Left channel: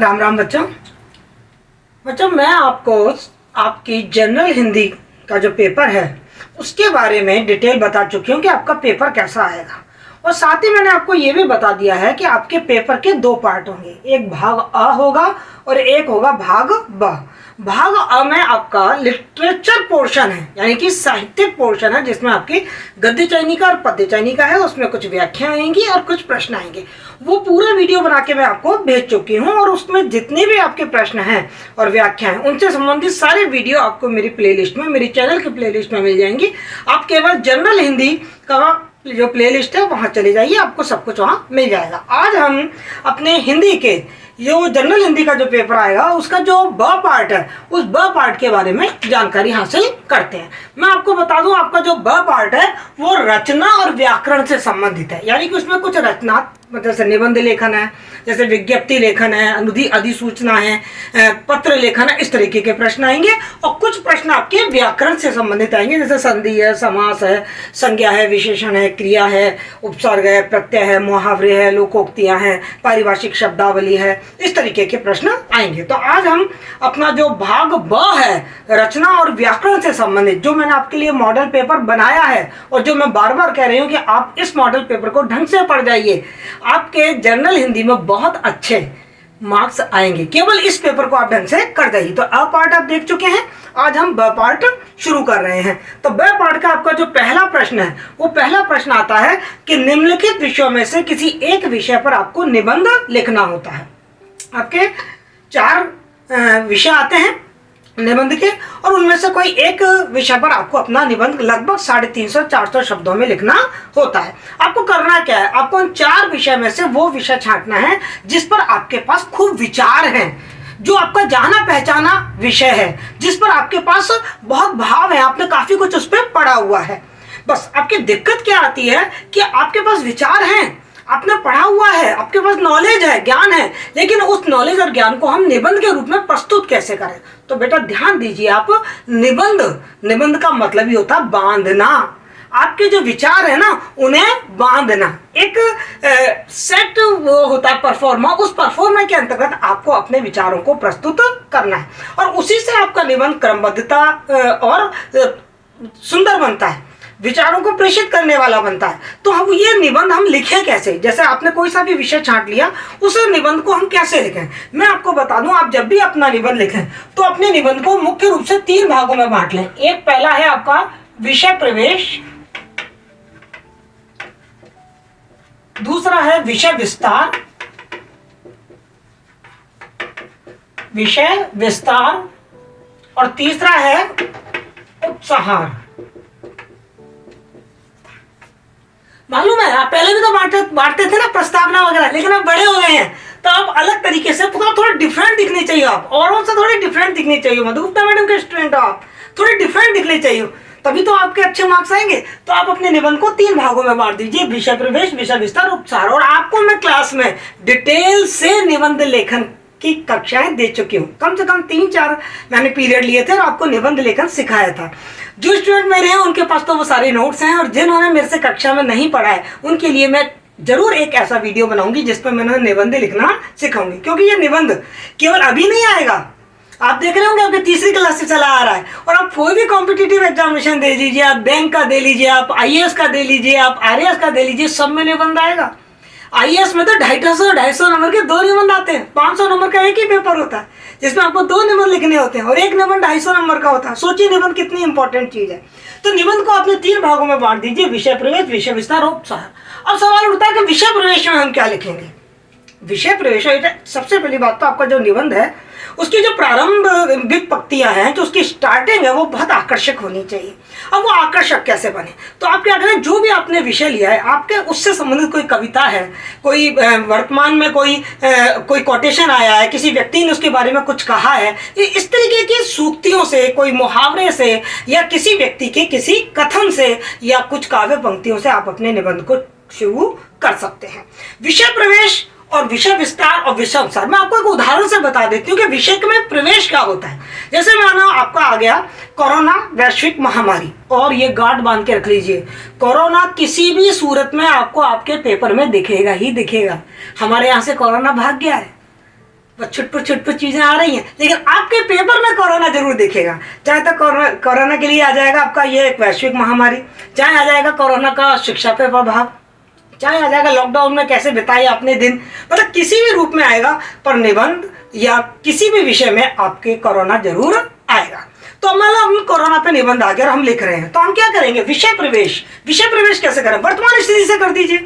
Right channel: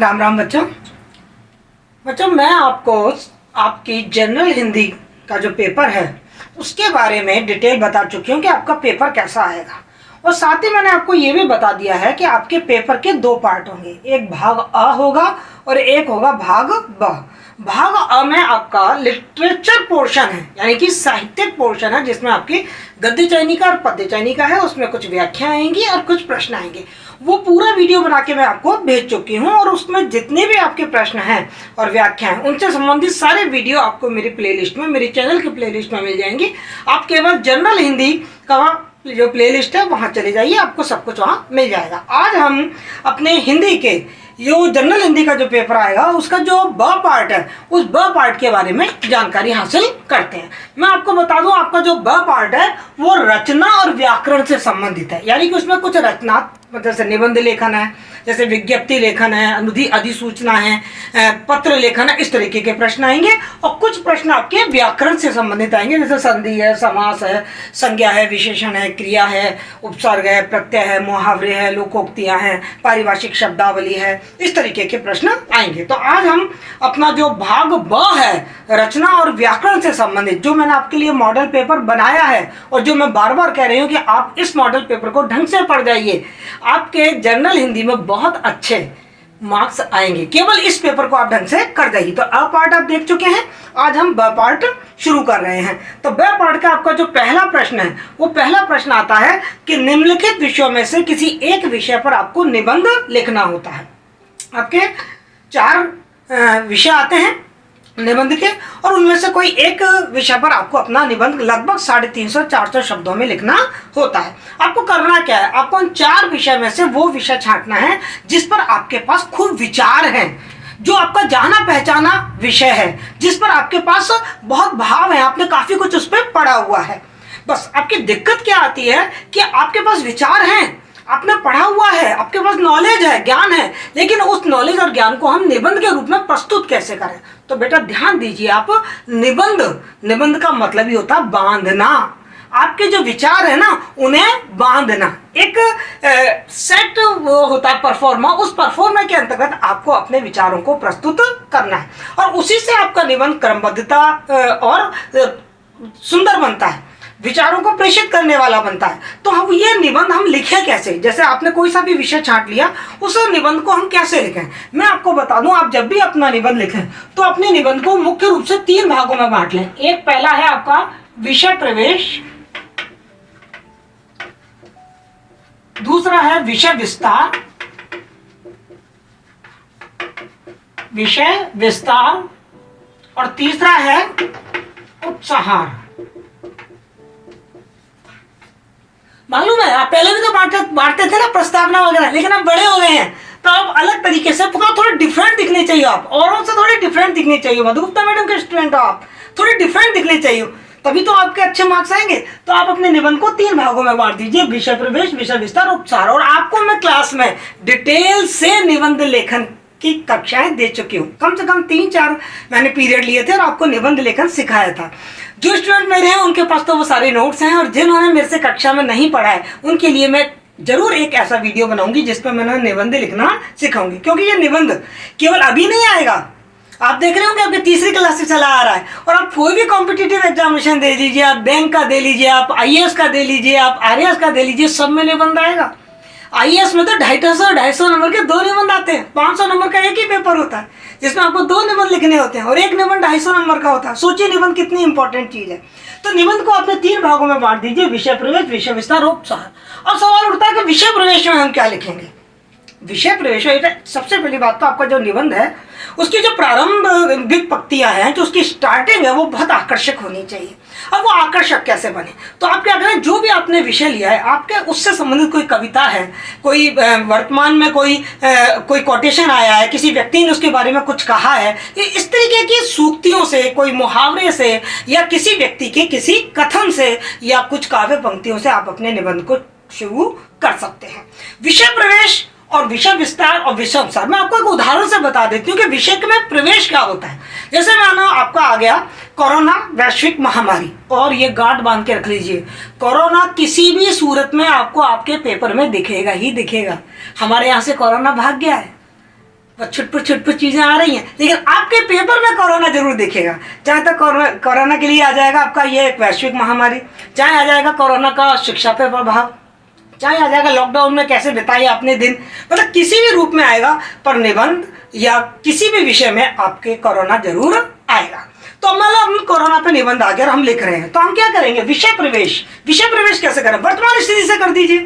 राम राम बच्चों। मैं आपको आपकी जनरल हिंदी का जो पेपर है उसके बारे में डिटेल बता चुकी हूँ कि आपका पेपर कैसा आएगा। और साथ ही मैंने आपको ये भी बता दिया है कि आपके पेपर के दो पार्ट होंगे, एक भाग अ होगा और एक होगा भाग ब। भाग अ में आपका लिटरेचर पोर्शन है, यानी कि साहित्यिक पोर्शन है, जिसमें आपकी गद्य चयनिका और पद्य चयनिका है। उसमें कुछ व्याख्या आएंगी और कुछ प्रश्न आएंगे। वो पूरा वीडियो बना के मैं आपको भेज चुकी हूँ और उसमें जितने भी आपके प्रश्न हैं और व्याख्या हैं उनसे संबंधित सारे वीडियो आपको मेरी प्लेलिस्ट में, मेरी चैनल की प्लेलिस्ट में मिल जाएंगी। आप केवल जनरल हिंदी का जो प्लेलिस्ट है वहाँ चले जाइए, आपको सब कुछ वहाँ मिल जाएगा। आज हम अपने हिंदी के जो जनरल हिंदी का जो पेपर आएगा उसका जो ब पार्ट है उस ब पार्ट के बारे में जानकारी हासिल करते हैं। मैं आपको बता दूं, आपका जो ब पार्ट है वो रचना और व्याकरण से संबंधित है, यानी कि उसमें कुछ रचना जैसे निबंध लेखन है, जैसे विज्ञप्ति लेखन है, अधिसूचना है, पत्र लेखन है, इस तरीके के प्रश्न आएंगे। और कुछ प्रश्न आपके व्याकरण से संबंधित आएंगे, जैसे संधि है, समास है, संज्ञा है, विशेषण है, क्रिया है, उपसर्ग है, प्रत्यय है, मुहावरे है, लोकोक्तियां हैं, पारिभाषिक शब्दावली है, इस तरीके के प्रश्न आएंगे। तो आज हम अपना जो भाग ब है रचना और व्याकरण से संबंधित, जो मैंने आपके लिए मॉडल पेपर बनाया है और जो मैं बार बार कह रही हूँ कि आप इस मॉडल पेपर को ढंग से पढ़ जाइए, आपके जनरल हिंदी में बहुत अच्छे मार्क्स आएंगे। केवल इस पेपर को आप ढंग से कर जाइए। तो अ पार्ट आप देख चुके हैं, आज हम ब पार्ट शुरू कर रहे हैं। तो ब पार्ट का आपका जो पहला प्रश्न है वो पहला प्रश्न आता है कि निम्नलिखित विषयों में से किसी एक विषय पर आपको निबंध लिखना होता है। आपके 4 विषय आते हैं निबंध के, और उनमें से कोई एक विषय पर आपको अपना निबंध लगभग 350-400 शब्दों में लिखना होता है। आपको करना क्या है, आपको उन 4 विषय में से वो विषय छांटना है जिस पर आपके पास खूब विचार हैं, जो आपका जाना पहचाना विषय है, जिस पर आपके पास बहुत भाव है, आपने काफी कुछ उस पर पढ़ा हुआ है। बस आपकी दिक्कत क्या आती है कि आपके पास विचार हैं, आपने पढ़ा हुआ है, आपके पास नॉलेज है, ज्ञान है, लेकिन उस नॉलेज और ज्ञान को हम निबंध के रूप में प्रस्तुत कैसे करें। तो बेटा ध्यान दीजिए, आप निबंध का मतलब ही होता है बांधना। आपके जो विचार है ना उन्हें बांधना। एक सेट वो होता है परफॉर्मा, उस परफॉर्मा के अंतर्गत आपको अपने विचारों को प्रस्तुत करना है और उसी से आपका निबंध क्रमबद्धता और सुंदर बनता है, विचारों को प्रेषित करने वाला बनता है। तो हम ये निबंध हम लिखें कैसे, जैसे आपने कोई सा भी विषय छांट लिया उस निबंध को हम कैसे लिखें, मैं आपको बता दूं। आप जब भी अपना निबंध लिखें तो अपने निबंध को मुख्य रूप से 3 भागों में बांट लें। एक पहला है आपका विषय प्रवेश, दूसरा है विषय विस्तार और तीसरा है उपसंहार। मालूम है आप पहले भी तो बांटते थे ना प्रस्तावना वगैरह, लेकिन आप बड़े हो गए हैं तो आप अलग तरीके से थोड़ा डिफरेंट दिखने चाहिए। आप औरों से थोड़े डिफरेंट दिखने चाहिए। मधुगुप्ता मैडम के स्टूडेंट हो आप, थोड़े डिफरेंट दिखने चाहिए, तभी तो आपके अच्छे मार्क्स आएंगे। तो आप अपने निबंध को 3 भागों में बांट दीजिए, विषय प्रवेश, विषय विस्तार, उपसार। और आपको मैं क्लास में डिटेल से निबंध लेखन की कक्षाएं दे चुकी हूँ। कम से कम 3-4 मैंने पीरियड लिए थे और आपको निबंध लेखन सिखाया था। जो स्टूडेंट मेरे हैं उनके पास तो वो सारे नोट्स हैं, और जिन्होंने मेरे से कक्षा में नहीं पढ़ा है उनके लिए मैं जरूर एक ऐसा वीडियो बनाऊंगी जिसपे मैं उन्हें निबंध लिखना सिखाऊंगी। क्योंकि ये निबंध केवल अभी नहीं आएगा, आप देख रहे होंगे आपके 3री क्लास से चला आ रहा है। और आप कोई भी कॉम्पिटिटिव एग्जामिनेशन दे लीजिए, आप बैंक का दे लीजिए, आप IAS का दे लीजिए, आप RAS का दे लीजिए, सब में निबंध आएगा। IAS में तो 250 नंबर के 2 निबंध आते हैं। 500 नंबर का एक ही पेपर होता है जिसमें आपको 2 निबंध लिखने होते हैं और एक निबंध 250 नंबर का होता है। सोचिए निबंध कितनी इंपॉर्टेंट चीज है। तो निबंध को आपने 3 भागों में बांट दीजिए, विषय प्रवेश, विषय विस्तार, उपसार। अब सवाल उठता है कि विषय प्रवेश में हम क्या लिखेंगे। विषय प्रवेश सबसे पहली बात तो आपका जो निबंध है उसकी जो प्रारंभिक पंक्तियां हैं, जो उसकी स्टार्टिंग है वो बहुत आकर्षक होनी चाहिए। अब वो आकर्षक कैसे बने, तो आप क्या करें, जो भी आपने विषय लिया है आपके उससे संबंधित कोई कविता है, कोई वर्तमान में कोई कोटेशन आया है, किसी व्यक्ति ने उसके बारे में कुछ कहा है, इस तरीके की सूक्तियों से, कोई मुहावरे से, या किसी व्यक्ति के किसी कथन से, या कुछ काव्य पंक्तियों से आप अपने निबंध को शुरू कर सकते हैं। विषय प्रवेश और विषय विस्तार और विषय उपसार मैं आपको एक उदाहरण से बता देती हूँ कि विषय में प्रवेश क्या होता है। जैसे मानो आपका आ गया कोरोना वैश्विक महामारी, और ये गांठ बांध के रख लीजिए, कोरोना किसी भी सूरत में आपको आपके पेपर में दिखेगा ही दिखेगा। हमारे यहाँ से कोरोना भाग गया है, बस छुटपुट चीज़ें आ रही हैं, लेकिन आपके पेपर में कोरोना जरूर दिखेगा। चाहे तो कोरोना के लिए आ जाएगा आपका ये एक वैश्विक महामारी, चाहे आ जाएगा कोरोना का शिक्षा पे प्रभाव, चाहे आ जाएगा लॉकडाउन में कैसे बिताए आपने दिन, मतलब किसी भी रूप में आएगा, पर निबंध या किसी भी विषय में आपके कोरोना जरूर आएगा। तो मतलब कोरोना पे निबंध आ गया और हम लिख रहे हैं, तो हम क्या करेंगे, विषय प्रवेश कैसे करें, वर्तमान स्थिति से कर दीजिए,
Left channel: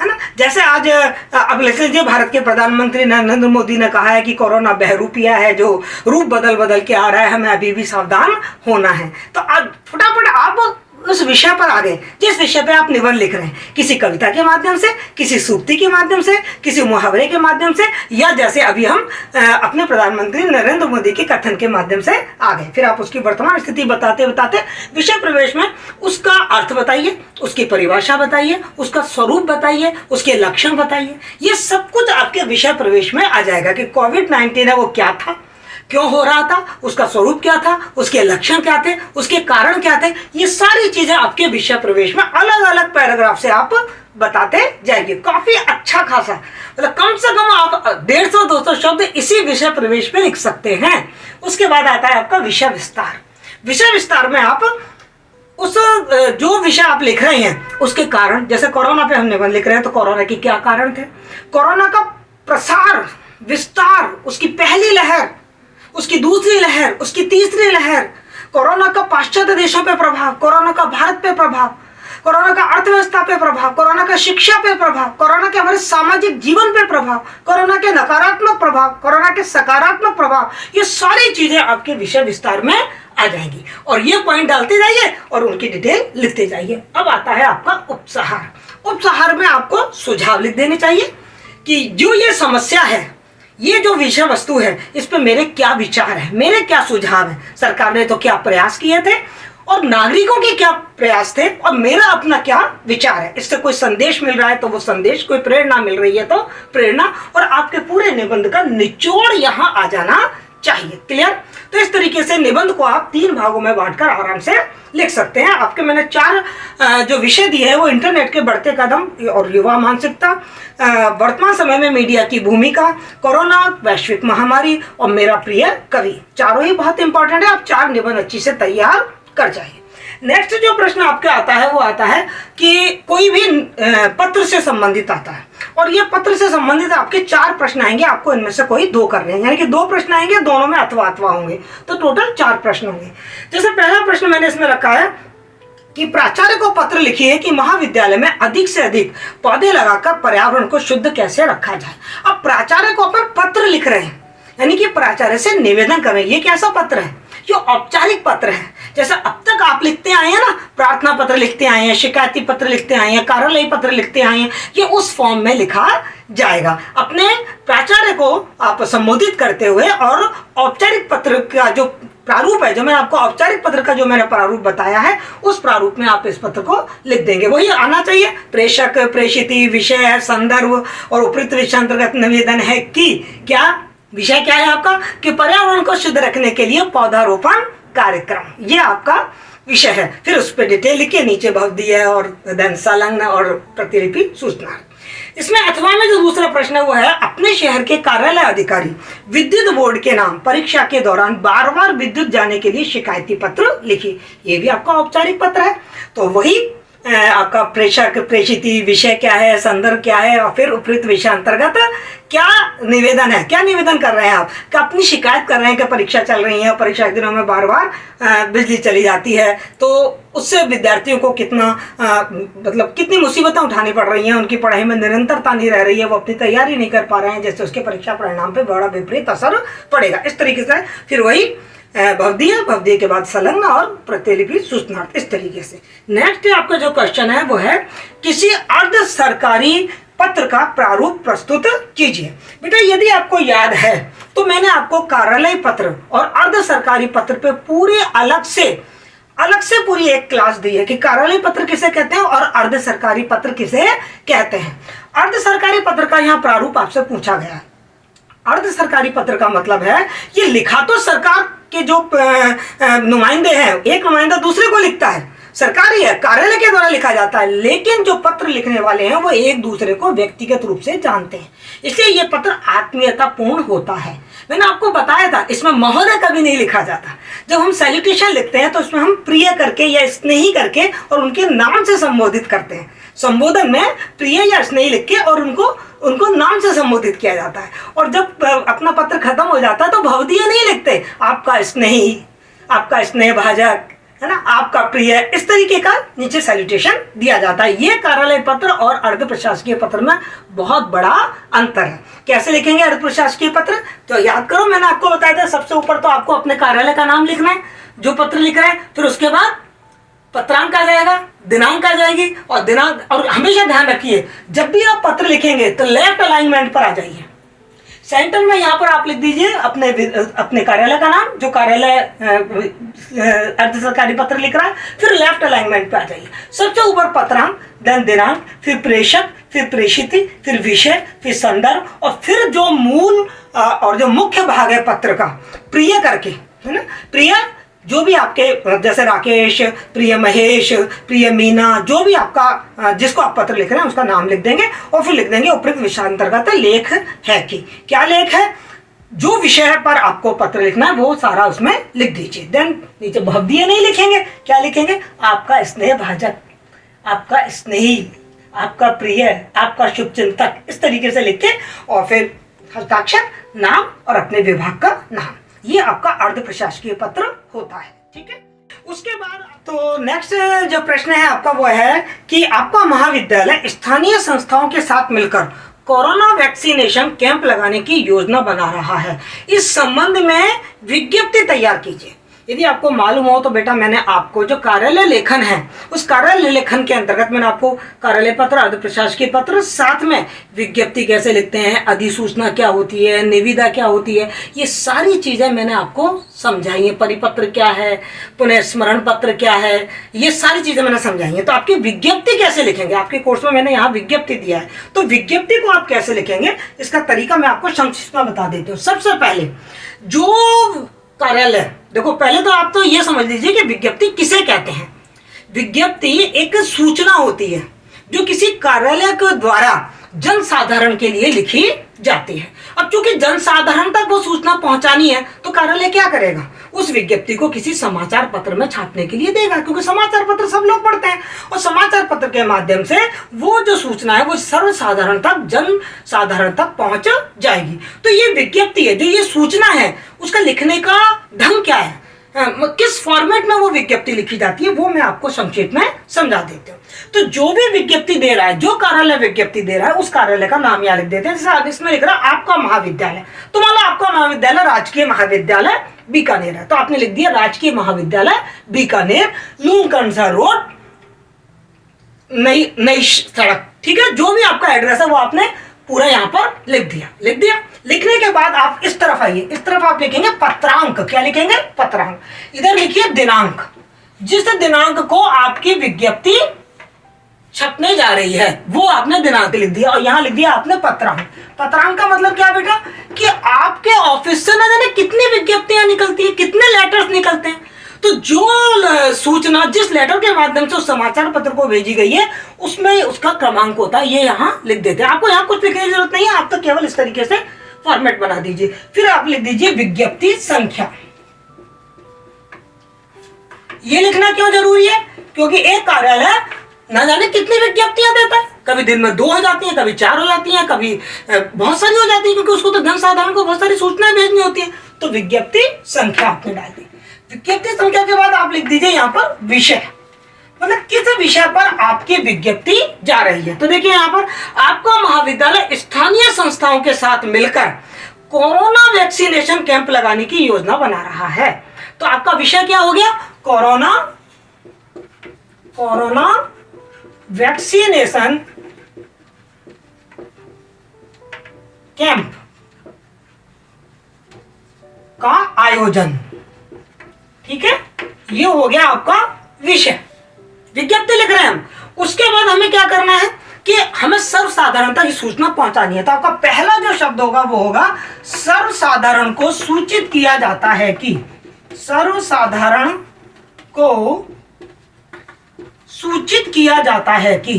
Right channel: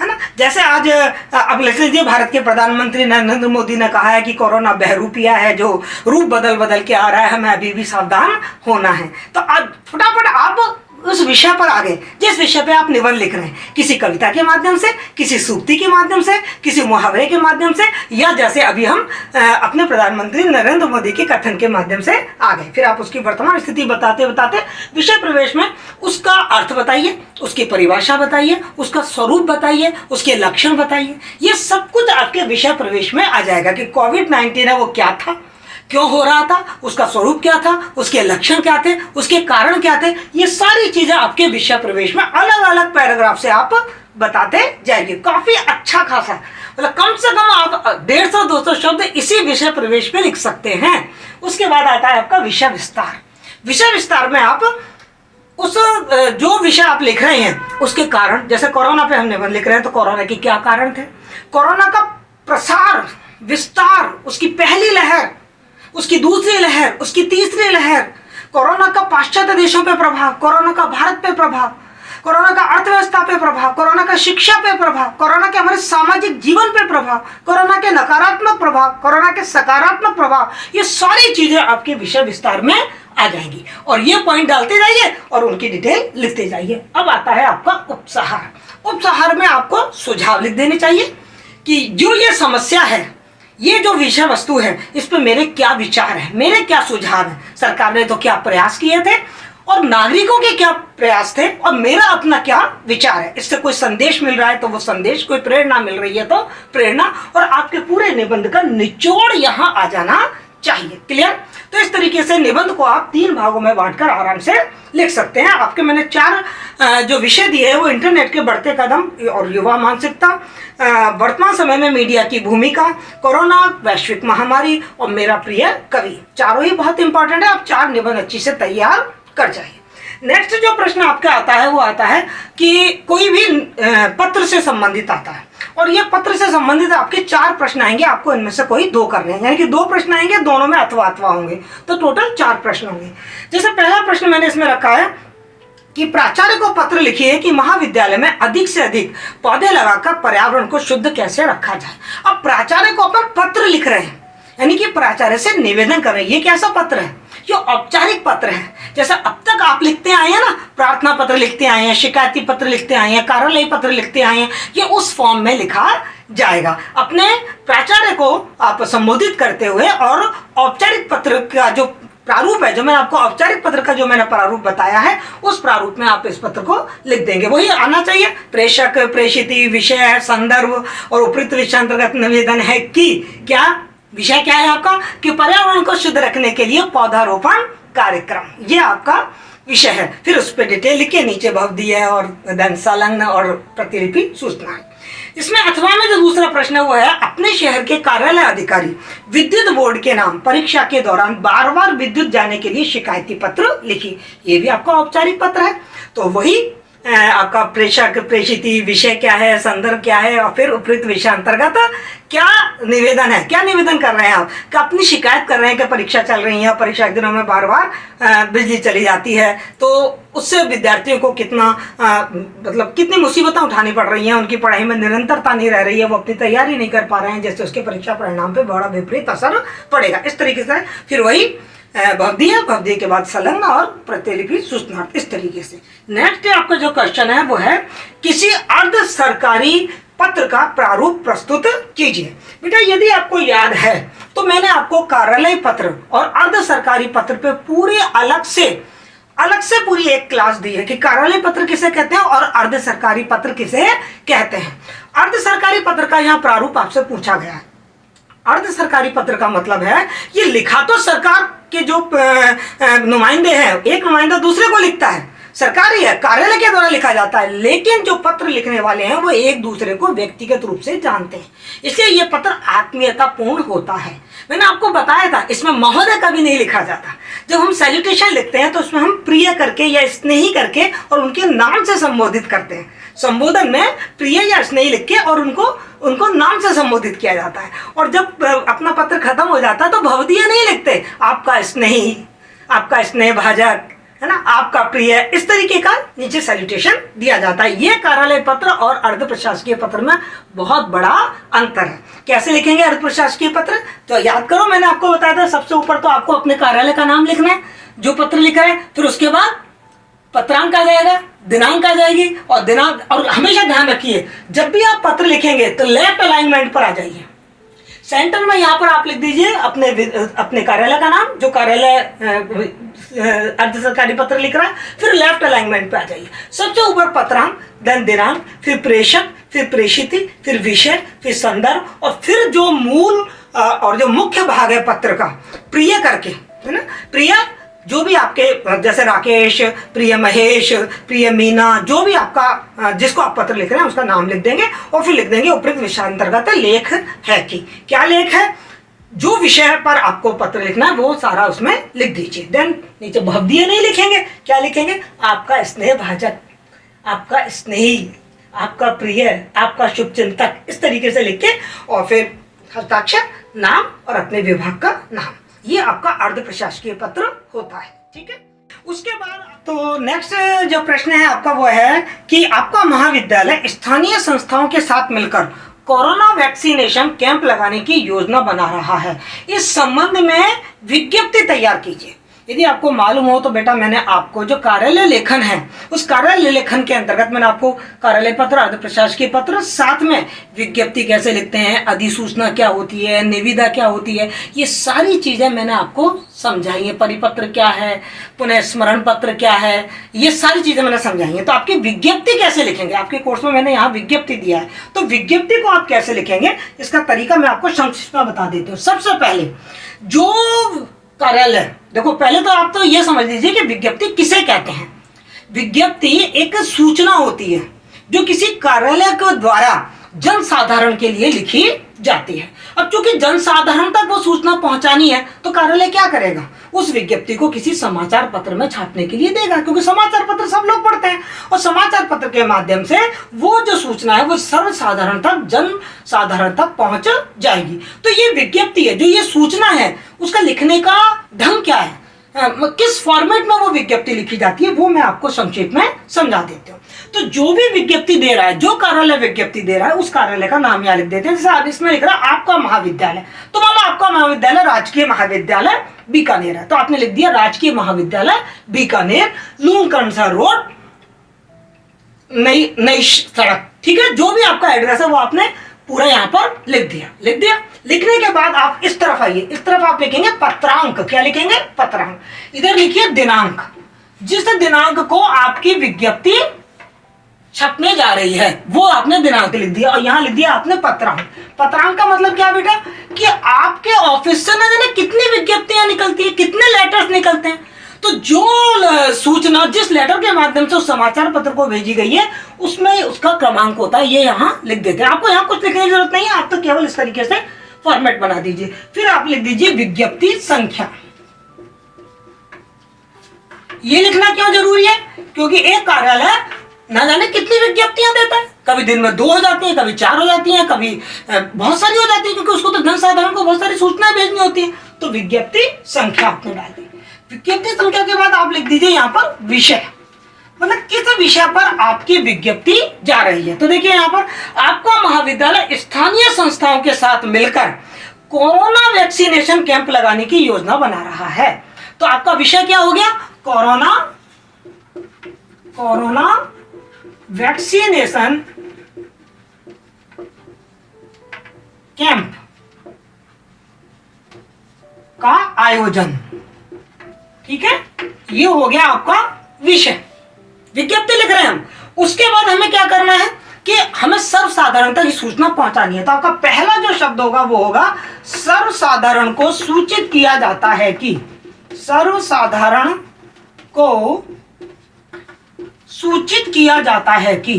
है ना। जैसे आज अब लिख लीजिए, भारत के प्रधानमंत्री नरेंद्र मोदी ने कहा है कि कोरोना बहरूपिया है जो रूप बदल के आ रहा है, हमें अभी भी सावधान होना है। तो आज फटाफट आप उस विषय पर आ गए जिस विषय पे आप निबंध लिख रहे हैं, किसी कविता के माध्यम से, किसी सूक्ति के माध्यम से, किसी मुहावरे के माध्यम से, या जैसे अभी हम अपने प्रधानमंत्री नरेंद्र मोदी के कथन के माध्यम से आ गए। फिर आप उसकी वर्तमान स्थिति बताते बताते विषय प्रवेश में उसका अर्थ बताइए, उसकी परिभाषा बताइए, उसका स्वरूप बताइए, उसके लक्षण बताइए। ये सब कुछ आपके विषय प्रवेश में आ जाएगा कि कोविड-19 है वो क्या था, क्यों हो रहा था, उसका स्वरूप क्या था, उसके लक्षण क्या थे, उसके कारण क्या थे। ये सारी चीजें आपके विषय प्रवेश में अलग अलग पैराग्राफ से आप बताते जाइए। काफी अच्छा खासा, मतलब कम से कम आप 150-200 शब्द इसी विषय प्रवेश में लिख सकते हैं। उसके बाद आता है आपका विषय विस्तार। विषय विस्तार में आप उस जो विषय आप लिख रहे हैं उसके कारण, जैसे कोरोना पे हम निबंध लिख रहे हैं तो कोरोना के क्या कारण थे, कोरोना का प्रसार विस्तार, उसकी पहली लहर, उसकी दूसरी लहर, उसकी तीसरी लहर, कोरोना का पाश्चात्य देशों पे प्रभाव, कोरोना का भारत पे प्रभाव, कोरोना का अर्थव्यवस्था पे प्रभाव, कोरोना का शिक्षा पे प्रभाव, कोरोना के हमारे सामाजिक जीवन पे प्रभाव, कोरोना के नकारात्मक प्रभाव, कोरोना के सकारात्मक प्रभाव, ये सारी चीजें आपके विषय विस्तार में आ जाएंगी। और ये पॉइंट डालते जाइए और उनकी डिटेल लिखते जाइए। अब आता है आपका उपसहार। उपसहार में आपको सुझाव लिख देने चाहिए कि जो ये समस्या है, ये जो विषय वस्तु है, इस पे मेरे क्या विचार है, मेरे क्या सुझाव है, सरकार ने तो क्या प्रयास किए थे और नागरिकों के क्या प्रयास थे और मेरा अपना क्या विचार है। इससे कोई संदेश मिल रहा है तो वो संदेश, कोई प्रेरणा मिल रही है तो प्रेरणा, और आपके पूरे निबंध का निचोड़ यहाँ आ जाना चाहिए। क्लियर। तो इस तरीके से निबंध को आप 3 भागों में बांटकर आराम से लिख सकते हैं। आपके मैंने 4 जो विषय दिए हैं वो इंटरनेट के बढ़ते कदम और युवा मानसिकता, वर्तमान समय में मीडिया की भूमिका, कोरोना, वैश्विक महामारी और मेरा प्रिय कवि, चारों ही बहुत इंपॉर्टेंट है। आप 4 निबंध अच्छी से तैयार कर जाइए। नेक्स्ट जो प्रश्न आपका आता है वो आता है कि कोई भी पत्र से संबंधित आता है और ये पत्र से संबंधित आपके 4 प्रश्न आएंगे, आपको इनमें से कोई 2 करने हैं, यानी कि 2 प्रश्न आएंगे, दोनों में अथवा अथवा होंगे, तो टोटल 4 प्रश्न होंगे। जैसे पहला प्रश्न मैंने इसमें रखा है कि प्राचार्य को पत्र लिखिए कि महाविद्यालय में अधिक से अधिक पौधे लगाकर पर्यावरण को शुद्ध कैसे रखा जाए। अब प्राचार्य को अपन पत्र लिख रहे हैं, यानी कि प्राचार्य से निवेदन कर रहे हैं। ये कैसा पत्र है, ये औपचारिक पत्र है। जैसा अब तक आप लिखते आए हैं ना, प्रार्थना पत्र लिखते आए हैं, शिकायती पत्र लिखते आए हैं, कार्यालय पत्र लिखते आए हैं, ये उस फॉर्म में लिखा जाएगा। अपने प्राचार्य को आप संबोधित करते हुए और औपचारिक पत्र का जो प्रारूप है, जो मैंने आपको औपचारिक पत्र का जो मैंने प्रारूप बताया है, उस प्रारूप में आप इस पत्र को लिख देंगे। वही आना चाहिए, प्रेषक, प्रेषिती, विषय, संदर्भ और उपयुक्त विषय अंतर्गत निवेदन है कि क्या विषय क्या है आपका, कि पर्यावरण को शुद्ध रखने के लिए पौधारोपण कार्यक्रम, ये आपका विषय है। फिर उस पर डिटेल लिखिए, नीचे भवदीय और देन संलग्न और प्रतिलिपि सूचना। इसमें अथवा में जो दूसरा प्रश्न है वो है अपने शहर के कार्यालय अधिकारी विद्युत बोर्ड के नाम परीक्षा के दौरान बार विद्युत जाने के लिए शिकायती पत्र लिखिए। ये भी आपका औपचारिक पत्र है। तो वही आपका प्रेषक, प्रेषिती, विषय क्या है, संदर्भ क्या है और फिर उपयुक्त विषय अंतर्गत क्या निवेदन है, क्या निवेदन कर रहे हैं आप, कि अपनी शिकायत कर रहे हैं कि परीक्षा चल रही है, परीक्षा के दिनों में बार बिजली चली जाती है, तो उससे विद्यार्थियों को कितना मतलब कितनी मुसीबतें उठानी पड़ रही हैं, उनकी पढ़ाई में निरंतरता नहीं रह रही है, वो अपनी तैयारी नहीं कर पा रहे हैं, जैसे उसके परीक्षा परिणाम पे बड़ा विपरीत असर पड़ेगा। इस तरीके से फिर वही भवदीय के बाद संलग्न और प्रतिलिपि सूचनार्थ, इस तरीके से। नेक्स्ट आपका जो क्वेश्चन है वो है किसी अर्ध सरकारी पत्र का प्रारूप प्रस्तुत कीजिए। बेटा यदि आपको याद है तो मैंने आपको कार्यालय पत्र और अर्ध सरकारी पत्र पे पूरी अलग से पूरी एक क्लास दी है कि कार्यालय पत्र किसे कहते हैं और अर्ध सरकारी पत्र किसे कहते हैं। अर्ध सरकारी पत्र का यहाँ प्रारूप आपसे पूछा गया है। अर्ध सरकारी पत्र का मतलब है ये लिखा तो सरकार के जो नुमाइंदे हैं, एक नुमाइंदा दूसरे को लिखता है, सरकारी है, कार्यालय के द्वारा लिखा जाता है, लेकिन जो पत्र लिखने वाले हैं वो एक दूसरे को व्यक्तिगत रूप से जानते हैं, इसलिए ये पत्र आत्मीयतापूर्ण होता है। मैंने आपको बताया था इसमें महोदय कभी नहीं लिखा जाता। जब हम सैल्यूटेशन लिखते हैं तो उसमें हम प्रिय करके या स्नेही करके और उनके नाम से संबोधित करते हैं। संबोधन में प्रिय या स्नेही लिख के और उनको नाम से संबोधित किया जाता है। और जब अपना पत्र खत्म हो जाता है तो भवदीय नहीं लिखते, आपका स्नेही, आपका स्नेह भाजक, है ना, आपका प्रिय, इस तरीके का नीचे सैल्यूटेशन दिया जाता है। ये कार्यालय पत्र और अर्ध प्रशासकीय पत्र में बहुत बड़ा अंतर है। कैसे लिखेंगे अर्ध प्रशासकीय पत्र? तो याद करो, मैंने आपको बताया था सबसे ऊपर तो आपको अपने कार्यालय का नाम लिखना है जो पत्र लिख रहा है, फिर उसके बाद पत्रांक आ जाएगा, दिनांक आ जाएगी, और दिनांक, और हमेशा ध्यान रखिए जब भी आप पत्र लिखेंगे तो लेफ्ट अलाइनमेंट पर आ जाइए। सेंटर में यहाँ पर आप लिख दीजिए अपने कार्यालय का नाम, जो कार्यालय अर्ध सरकारी पत्र लिख रहा है, फिर लेफ्ट अलाइनमेंट पे आ जाइए। सबसे ऊपर पत्रांक, देन दिनांक, फिर प्रेषक, फिर प्रेषित, फिर विषय, फिर संदर्भ, और फिर जो मूल और जो मुख्य भाग है पत्र का, प्रिय करके, है ना, प्रिय जो भी आपके, जैसे राकेश, प्रिय महेश, प्रिय मीना, जो भी आपका जिसको आप पत्र लिख रहे हैं उसका नाम लिख देंगे, और फिर लिख देंगे उपयुक्त विषयांतर्गत लेख है कि क्या लेख है, जो विषय पर आपको पत्र लिखना है वो सारा उसमें लिख दीजिए। देन नीचे भवदीय नहीं लिखेंगे, क्या लिखेंगे, आपका स्नेह भाजक, आपका स्नेही, आपका प्रिय, आपका शुभचिंतक, इस तरीके से लिख के, और फिर हस्ताक्षर, नाम और अपने विभाग का नाम। ये आपका अर्ध प्रशासकीय पत्र होता है। ठीक है, उसके बाद तो नेक्स्ट जो प्रश्न है आपका वो है कि आपका महाविद्यालय स्थानीय संस्थाओं के साथ मिलकर कोरोना वैक्सीनेशन कैंप लगाने की योजना बना रहा है। इस संबंध में विज्ञप्ति तैयार कीजिए। यदि आपको मालूम हो तो बेटा, मैंने आपको जो कार्यालय लेखन है उस कार्यालय लेखन के अंतर्गत मैंने आपको कार्यालय पत्र, अर्ध प्रशासकीय पत्र, साथ में विज्ञप्ति कैसे लिखते हैं, अधिसूचना क्या होती है, निविदा क्या होती है, ये सारी चीजें मैंने आपको समझाई है। परिपत्र क्या है, पुनः स्मरण पत्र क्या है, ये सारी चीजें मैंने समझाई है। तो आपकी विज्ञप्ति कैसे लिखेंगे, आपके कोर्स में मैंने यहाँ विज्ञप्ति दिया है, तो विज्ञप्ति को आप कैसे लिखेंगे इसका तरीका मैं आपको संक्षिप्त में बता देती हूँ। सबसे पहले जो कार्यालय, देखो पहले तो आप तो ये समझ लीजिए कि विज्ञप्ति किसे कहते हैं। विज्ञप्ति एक सूचना होती है जो किसी कार्यालय के द्वारा जन साधारण के लिए लिखी जाती है। अब चूंकि जन साधारण तक वो सूचना पहुंचानी है तो कार्यालय क्या करेगा, उस विज्ञप्ति को किसी समाचार पत्र में छापने के लिए देगा, क्योंकि समाचार पत्र सब लोग पढ़ते हैं, और समाचार पत्र के माध्यम से वो जो सूचना है वो सर्वसाधारण तक, जन साधारण तक पहुंच जाएगी। तो ये विज्ञप्ति है, जो ये सूचना है उसका लिखने का ढंग क्या है, किस फॉर्मेट में वो विज्ञप्ति लिखी जाती है, वो मैं आपको संक्षेप में समझा देती हूँ। तो जो भी विज्ञप्ति दे रहा है, जो कार्यालय विज्ञप्ति दे रहा है, उस कार्यालय का नाम यहाँ लिख देते हैं। जैसे आप इसमें लिख रहा है आपका महाविद्यालय, तो मान लो आपका महाविद्यालय राजकीय महाविद्यालय बीकानेर है, तो आपने लिख दिया राजकीय महाविद्यालय बीकानेर, लूणकरनसर रोड, नई सड़क। ठीक है, जो भी आपका एड्रेस है वो आपने पूरा यहाँ पर लिख दिया। लिखने के बाद आप इस तरफ आइए, इस तरफ आप लिखेंगे पत्रांक। क्या लिखेंगे, पत्रांक। इधर लिखिए दिनांक, जिस दिनांक को आपकी विज्ञप्ति छपने जा रही है वो आपने दिनांक लिख दिया, और यहाँ लिख दिया आपने पत्रांक। पत्रांक का मतलब क्या बेटा, कि आपके ऑफिस से न जाने कितनी विज्ञप्तियां निकलती है, कितने लेटर्स निकलते हैं, तो जो सूचना जिस लेटर के माध्यम से उस समाचार पत्र को भेजी गई है उसमें उसका क्रमांक होता है, ये यहाँ लिख देते हैं। आपको यहाँ कुछ लिखने की जरूरत नहीं है, आप तो केवल इस तरीके से फॉर्मेट बना दीजिए। फिर आप लिख दीजिए विज्ञप्ति संख्या। ये लिखना क्यों जरूरी है, क्योंकि एक कार्यालय ना जाने कितनी विज्ञप्तियां देता है, कभी दिन में 2 हो जाती है, कभी 4 हो जाती हैं, कभी बहुत सारी हो जाती है, क्योंकि उसको तो जन साधारण को बहुत सारी सूचनाएं भेजनी होती है। तो विज्ञप्ति संख्या आपने डाल दी। विज्ञप्ति संख्या के बाद आप लिख दीजिए यहाँ पर विषय, मतलब किस विषय पर आपकी विज्ञप्ति जा रही है। तो देखिए यहाँ पर आपका महाविद्यालय स्थानीय संस्थाओं के साथ मिलकर कोरोना वैक्सीनेशन कैंप लगाने की योजना बना रहा है। तो आपका विषय क्या हो गया, कोरोना वैक्सीनेशन कैंप का आयोजन। ठीक है, ये हो गया आपका विषय। विज्ञप्ति लिख रहे हैं हम, उसके बाद हमें क्या करना है कि हमें सर्वसाधारणता की सूचना पहुंचानी है। तो आपका पहला जो शब्द होगा वो होगा सर्वसाधारण को सूचित किया जाता है कि, सर्वसाधारण को सूचित किया जाता है कि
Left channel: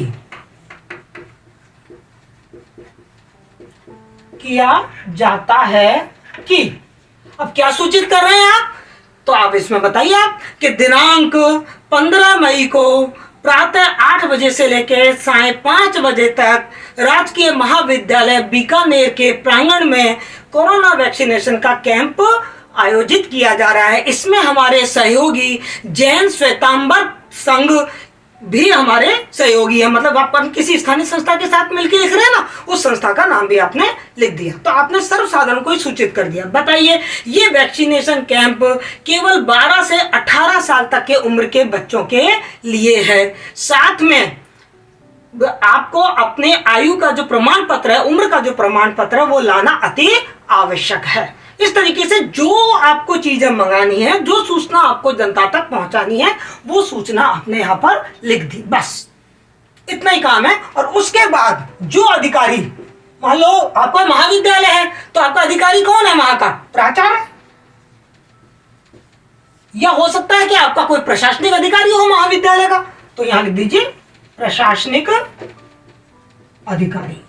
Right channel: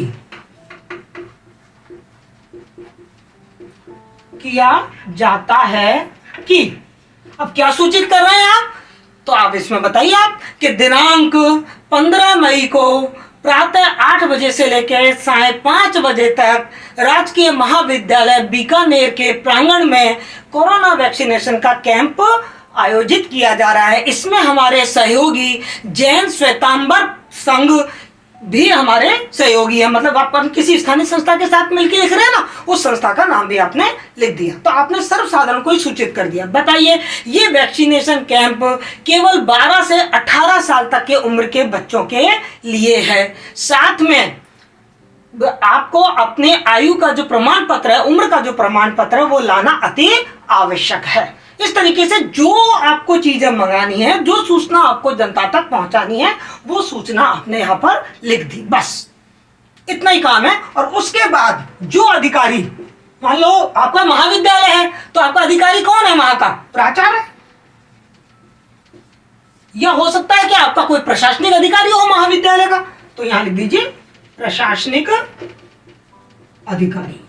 अब क्या सूचित कर रहे हैं आप, तो आप इसमें बताइए आप कि दिनांक 15 मई को प्रातः 8 बजे से लेकर साढ़े 5 बजे तक राजकीय महाविद्यालय बीकानेर के प्रांगण में कोरोना वैक्सीनेशन का कैंप आयोजित किया जा रहा है। इसमें हमारे सहयोगी जैन श्वेतांबर संघ भी हमारे सहयोगी है। मतलब आप किसी स्थानीय संस्था के साथ मिलकर लिख रहे हैं ना, उस संस्था का नाम भी आपने लिख दिया, तो आपने सर्वसाधारण को ही सूचित कर दिया। बताइए, ये वैक्सीनेशन कैंप केवल 12 से 18 साल तक के उम्र के बच्चों के लिए है। साथ में आपको अपने आयु का जो प्रमाण पत्र है, उम्र का जो प्रमाण पत्र है, वो लाना अति आवश्यक है। इस तरीके से जो आपको चीजें मंगानी है, जो सूचना आपको जनता तक पहुंचानी है, वो सूचना आपने यहां पर लिख दी, बस इतना ही काम है। और उसके बाद जो अधिकारी, मान लो आपका महाविद्यालय है, तो आपका अधिकारी कौन है वहां का? प्राचार्य, या हो सकता है कि आपका कोई प्रशासनिक अधिकारी हो महाविद्यालय का, तो यहां लिख दीजिए प्रशासनिक अधिकारी।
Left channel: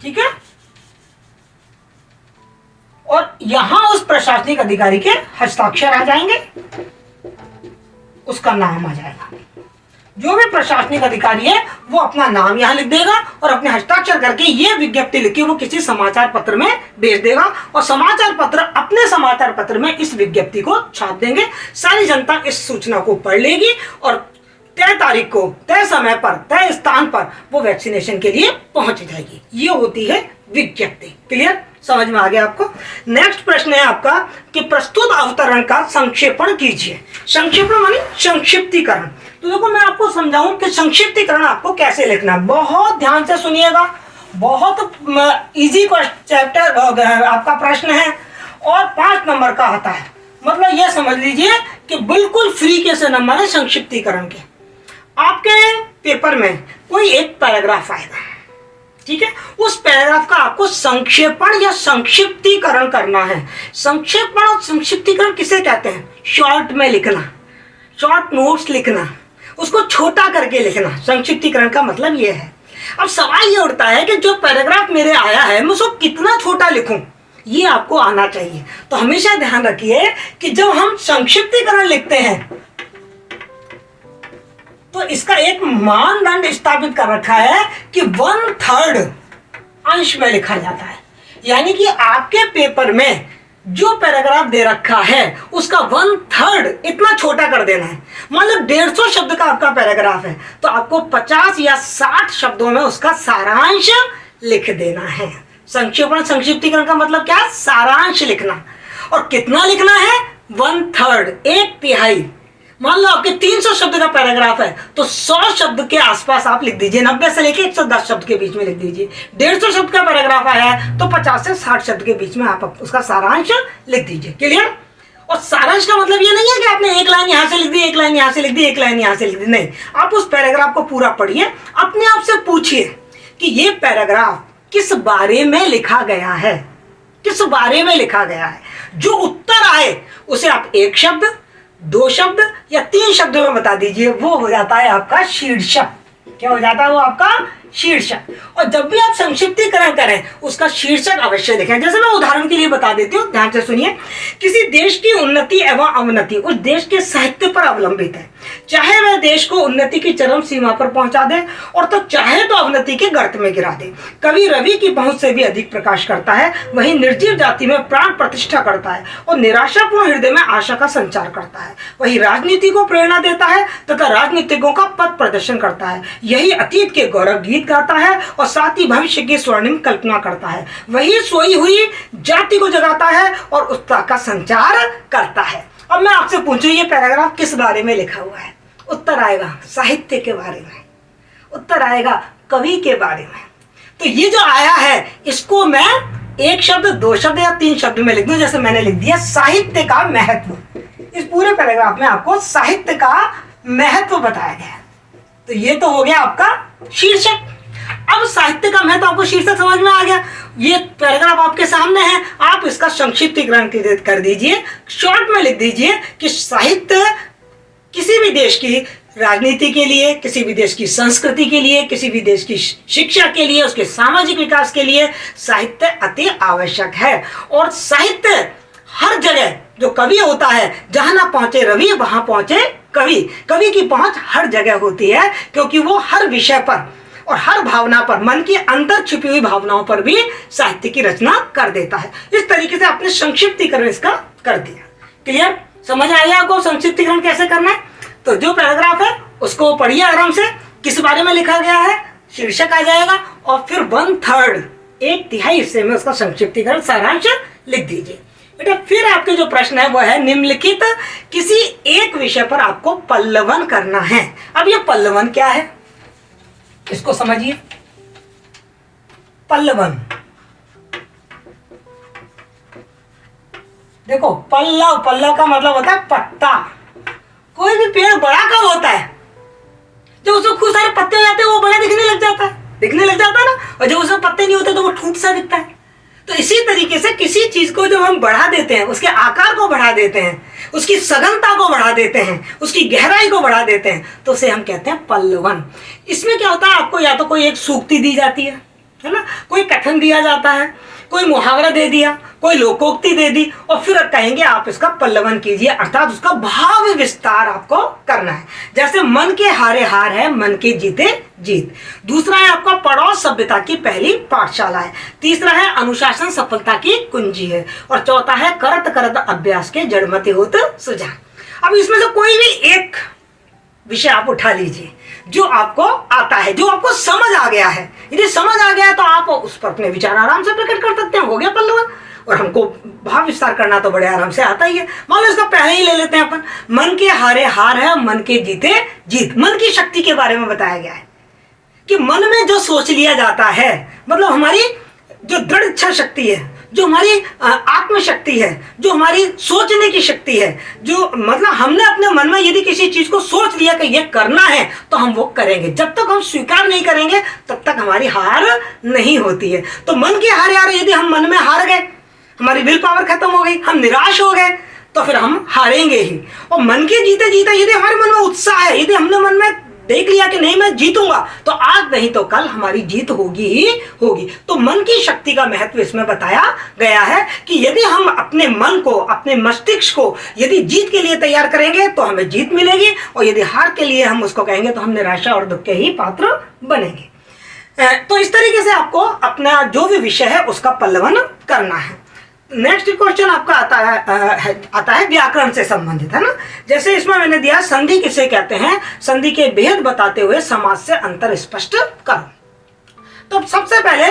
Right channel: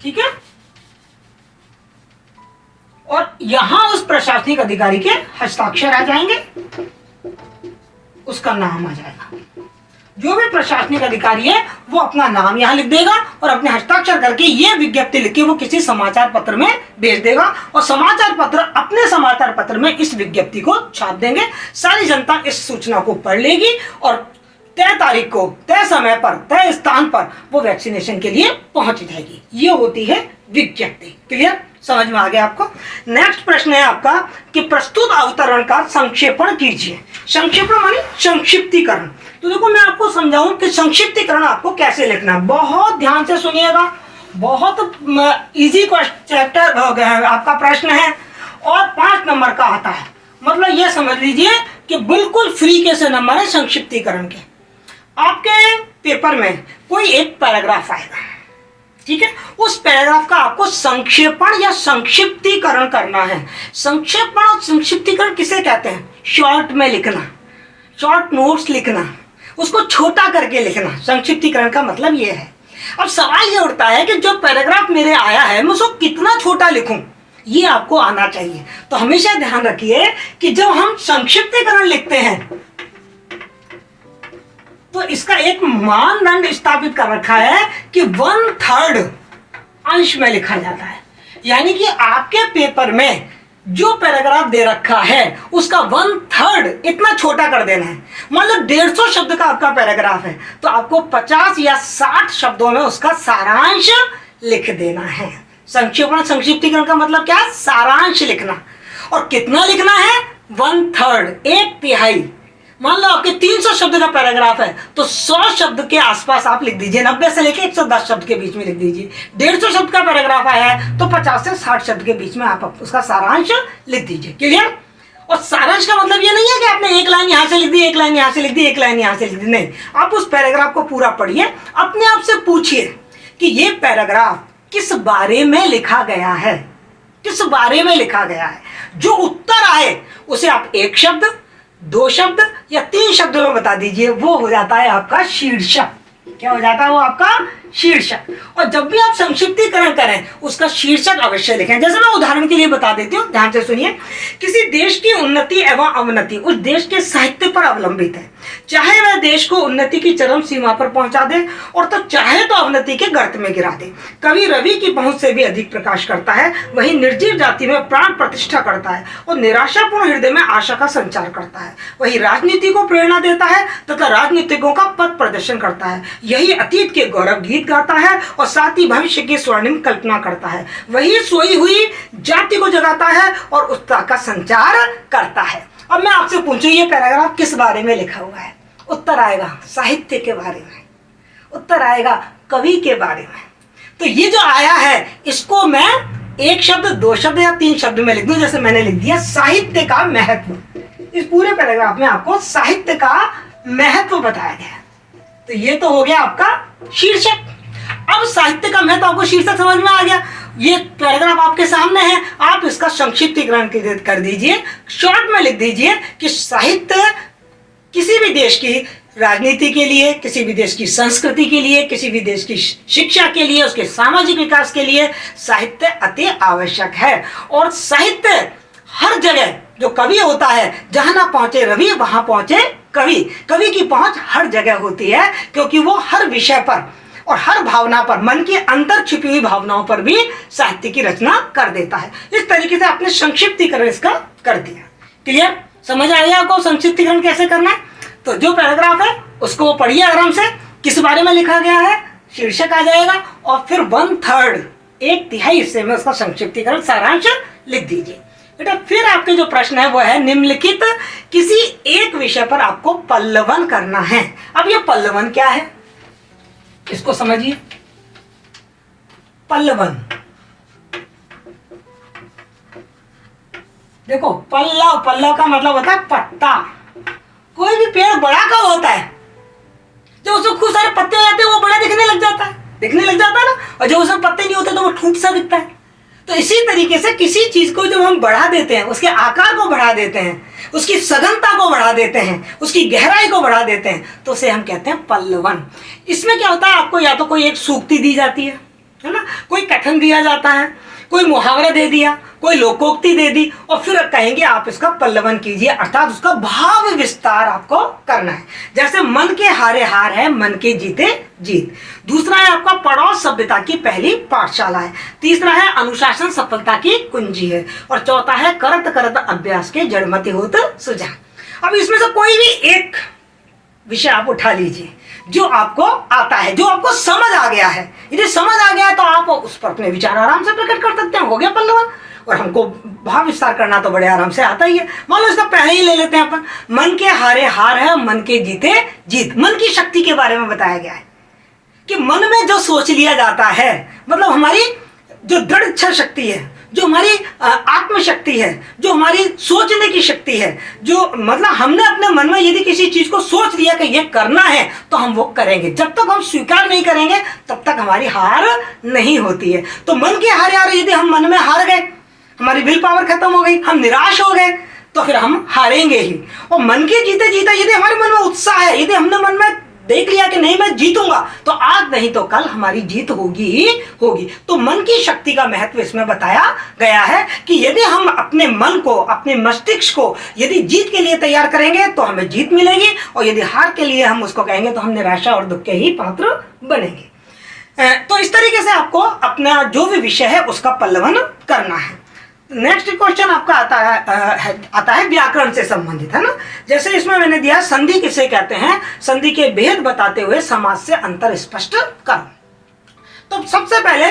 ठीक है, और यहां उस प्रशासनिक अधिकारी के हस्ताक्षर आ जाएंगे, उसका नाम आ जाएगा। जो भी प्रशासनिक अधिकारी है वो अपना नाम यहां लिख देगा और अपने हस्ताक्षर करके ये विज्ञप्ति लिख के वो किसी समाचार पत्र में भेज देगा, और समाचार पत्र अपने समाचार पत्र में इस विज्ञप्ति को छाप देंगे। सारी जनता इस सूचना को पढ़ लेगी और तय तारीख को, तय समय पर, तय स्थान पर वो वैक्सीनेशन के लिए पहुंच जाएगी। ये होती है विज्ञप्ति। क्लियर, समझ में आ गया आपको? नेक्स्ट प्रश्न है आपका कि प्रस्तुत अवतरण का संक्षेपण कीजिए। संक्षेपण माने संक्षिप्तीकरण। तो देखो, मैं आपको समझाऊं कि संक्षिप्तीकरण आपको कैसे लिखना है। बहुत ध्यान से सुनिएगा, बहुत इजी चैप्टर आपका प्रश्न है और 5 नंबर का आता है। मतलब यह समझ लीजिए कि बिल्कुल फ्री के से नंबर है संक्षिप्तीकरण के। आपके पेपर में कोई एक पैराग्राफ आएगा, ठीक है, उस पैराग्राफ का आपको संक्षेपण या संक्षिप्तीकरण करना है। संक्षेपण और संक्षिप्तीकरण किसे कहते हैं? शॉर्ट में लिखना, शॉर्ट नोट्स लिखना, उसको छोटा करके लिखना, संक्षिप्तीकरण का मतलब यह है। अब सवाल ये उठता है कि जो पैराग्राफ मेरे आया है मैं उसको कितना छोटा लिखूं, ये आपको आना चाहिए। तो हमेशा ध्यान रखिए कि जब हम संक्षिप्तीकरण लिखते हैं तो इसका एक मानदंड स्थापित कर रखा है कि 1/3 अंश में लिखा जाता है। यानी कि आपके पेपर में जो पैराग्राफ दे रखा है उसका 1/3 इतना छोटा कर देना है। मान लो 150 शब्द का आपका पैराग्राफ है, तो आपको 50 या 60 शब्दों में उसका सारांश लिख देना है। संक्षेपण संक्षिप्तीकरण का मतलब क्या है? सारांश लिखना। और कितना लिखना है? 1/3, 1/3। मान लो आपके 300 शब्द का पैराग्राफ है तो 100 शब्द के आसपास आप लिख दीजिए, 90 से लेके 110 शब्द के बीच में लिख दीजिए। 150 शब्द का पैराग्राफ आया है तो 50 से 60 शब्द के बीच में आप उसका सारांश लिख दीजिए। क्लियर? और सारांश का मतलब ये नहीं है कि आपने एक लाइन यहां से लिख दी, एक लाइन यहां से लिख दी, एक लाइन यहां से लिख दी, नहीं। आप उस पैराग्राफ को पूरा पढ़िए, अपने आप से पूछिए कि ये पैराग्राफ किस बारे में लिखा गया है, किस बारे में लिखा गया है। जो उत्तर आए उसे आप 1 शब्द, 2 शब्द या 3 शब्दों में बता दीजिए, वो हो जाता है आपका शीर्षक। क्या हो जाता है? वो आपका शीर्षक। और जब भी आप संक्षिप्तीकरण करें उसका शीर्षक अवश्य लिखें। जैसे मैं उदाहरण के लिए बता देती हूँ, ध्यान से सुनिए। किसी देश की उन्नति एवं अवनति उस देश के साहित्य पर अवलंबित है। चाहे वह देश को उन्नति की चरम सीमा पर पहुंचा दे और तो चाहे तो अवनति के गर्त में गिरा दे। कवि रवि की पहुंच से भी अधिक प्रकाश करता है, वही निर्जीव जाति में प्राण प्रतिष्ठा करता है और निराशापूर्ण हृदय में आशा का संचार करता है। वही राजनीति को प्रेरणा देता है तथा राजनीतिकों का पथ प्रदर्शन करता है। यही अतीत के गौरव गीत गाता है और साथ ही भविष्य की स्वर्णिम कल्पना करता है। वही सोई हुई जाति को जगाता है और उत्साह का संचार करता है। अब मैं आपसे पूछूं, ये पैराग्राफ किस बारे में लिखा हुआ है? उत्तर आएगा साहित्य के बारे में, उत्तर आएगा कवि के बारे में। तो ये जो आया है इसको मैं 1 शब्द, 2 शब्द या 3 शब्द में लिख दूं। जैसे मैंने लिख दिया साहित्य का महत्व। इस पूरे पैराग्राफ में आपको साहित्य का महत्व बताया गया है। तो ये तो हो गया आपका शीर्षक। अब साहित्य का महत्व आपको शीर्षक समझ में आ गया। ये पैराग्राफ आपके सामने है, आप इसका संक्षिप्तीकरण कर दीजिए, शॉर्ट में लिख दीजिए कि साहित्य किसी भी देश की राजनीति के लिए, किसी भी देश की संस्कृति के लिए, किसी भी देश की शिक्षा के लिए, उसके सामाजिक विकास के लिए साहित्य अति आवश्यक है। और साहित्य हर जगह, जो कवि होता है, जहां ना पहुंचे रवि वहां पहुंचे कवि। कवि की पहुंच हर जगह होती है, क्योंकि वो हर विषय पर और हर भावना पर, मन की अंतर छिपी हुई भावनाओं पर भी साहित्य की रचना कर देता है। इस तरीके से आपने संक्षिप्तीकरण इसका कर दिया। क्लियर? समझ आया आपको संक्षिप्तीकरण कैसे करना है? तो जो पैराग्राफ है उसको पढ़िए आराम से, किस बारे में लिखा गया है, शीर्षक आ जाएगा, और फिर 1/3 एक तिहाई हिस्से में उसका संक्षिप्तीकरण सारांश लिख दीजिए। बेटा फिर आपके जो प्रश्न है वो है निम्नलिखित किसी एक विषय पर आपको पल्लवन करना है। अब ये पल्लवन क्या है इसको समझिए। पल्लवन, देखो पल्लव, पल्लव का मतलब होता है पत्ता। कोई भी पेड़ बड़ा कब होता है? जब उसमें खूब सारे पत्ते हो जाते हैं, वो बड़ा दिखने लग जाता है, ना। और जब उसमें पत्ते नहीं होते तो वो ठूंठ सा दिखता है। तो इसी तरीके से किसी चीज को जब हम बढ़ा देते हैं, उसके आकार को बढ़ा देते हैं, उसकी सघनता को बढ़ा देते हैं, उसकी गहराई को बढ़ा देते हैं, तो उसे हम कहते हैं पल्लवन। इसमें क्या होता है, आपको या तो कोई एक सूक्ति दी जाती है ना, कोई कथन दिया जाता है, कोई मुहावरा दे दिया, कोई लोकोक्ति दे दी, और फिर कहेंगे आप इसका पल्लवन कीजिए, अर्थात उसका भाव विस्तार आपको करना है। जैसे मन के हारे हार है, मन के जीते जीत। दूसरा है आपका पड़ोस सभ्यता की पहली पाठशाला है। तीसरा है अनुशासन सफलता की कुंजी है। और चौथा है करत करत अभ्यास के जड़मति होत सुझाव। अब इसमें से कोई भी एक विषय आप उठा लीजिए जो आपको आता है, जो आपको समझ आ गया है। यदि समझ आ गया तो आप उस पर अपने विचार आराम से प्रकट कर सकते हैं, हो गया पल्लवन। और हमको भाव विस्तार करना तो बड़े आराम से आता ही है। मान लो इसका पहले ही ले लेते हैं अपन, मन के हारे हार है, मन के जीते जीत। मन की शक्ति के बारे में बताया गया है कि मन में जो सोच लिया जाता है, मतलब हमारी जो दृढ़ इच्छा शक्ति है, जो हमारी आत्मशक्ति है, जो हमारी सोचने की शक्ति है, जो मतलब हमने अपने मन में यदि किसी चीज को सोच लिया कि यह करना है तो हम वो करेंगे। जब तक हम स्वीकार नहीं करेंगे तब तक हमारी हार नहीं होती है। तो मन के हारे हारे यदि हम मन में हार गए, हमारी विल पावर खत्म हो गई, हम निराश हो गए, तो फिर हम हारेंगे ही। और मन के जीते जीते यदि हमारे मन में उत्साह है, यदि हमने मन में देख लिया कि नहीं मैं जीतूंगा, तो आज नहीं तो कल हमारी जीत होगी ही होगी। तो मन की शक्ति का महत्व इसमें बताया गया है कि यदि हम अपने मन को, अपने मस्तिष्क को यदि जीत के लिए तैयार करेंगे तो हमें जीत मिलेगी, और यदि हार के लिए हम उसको कहेंगे तो हम निराशा और दुख के ही पात्र बनेंगे। तो इस तरीके से आपको अपना जो भी विषय है उसका पल्लवन करना है। नेक्स्ट क्वेश्चन आपका आता है व्याकरण से संबंधित, है ना। जैसे इसमें मैंने दिया संधि किसे कहते हैं, संधि के भेद बताते हुए समास से अंतर स्पष्ट करो। तो सबसे पहले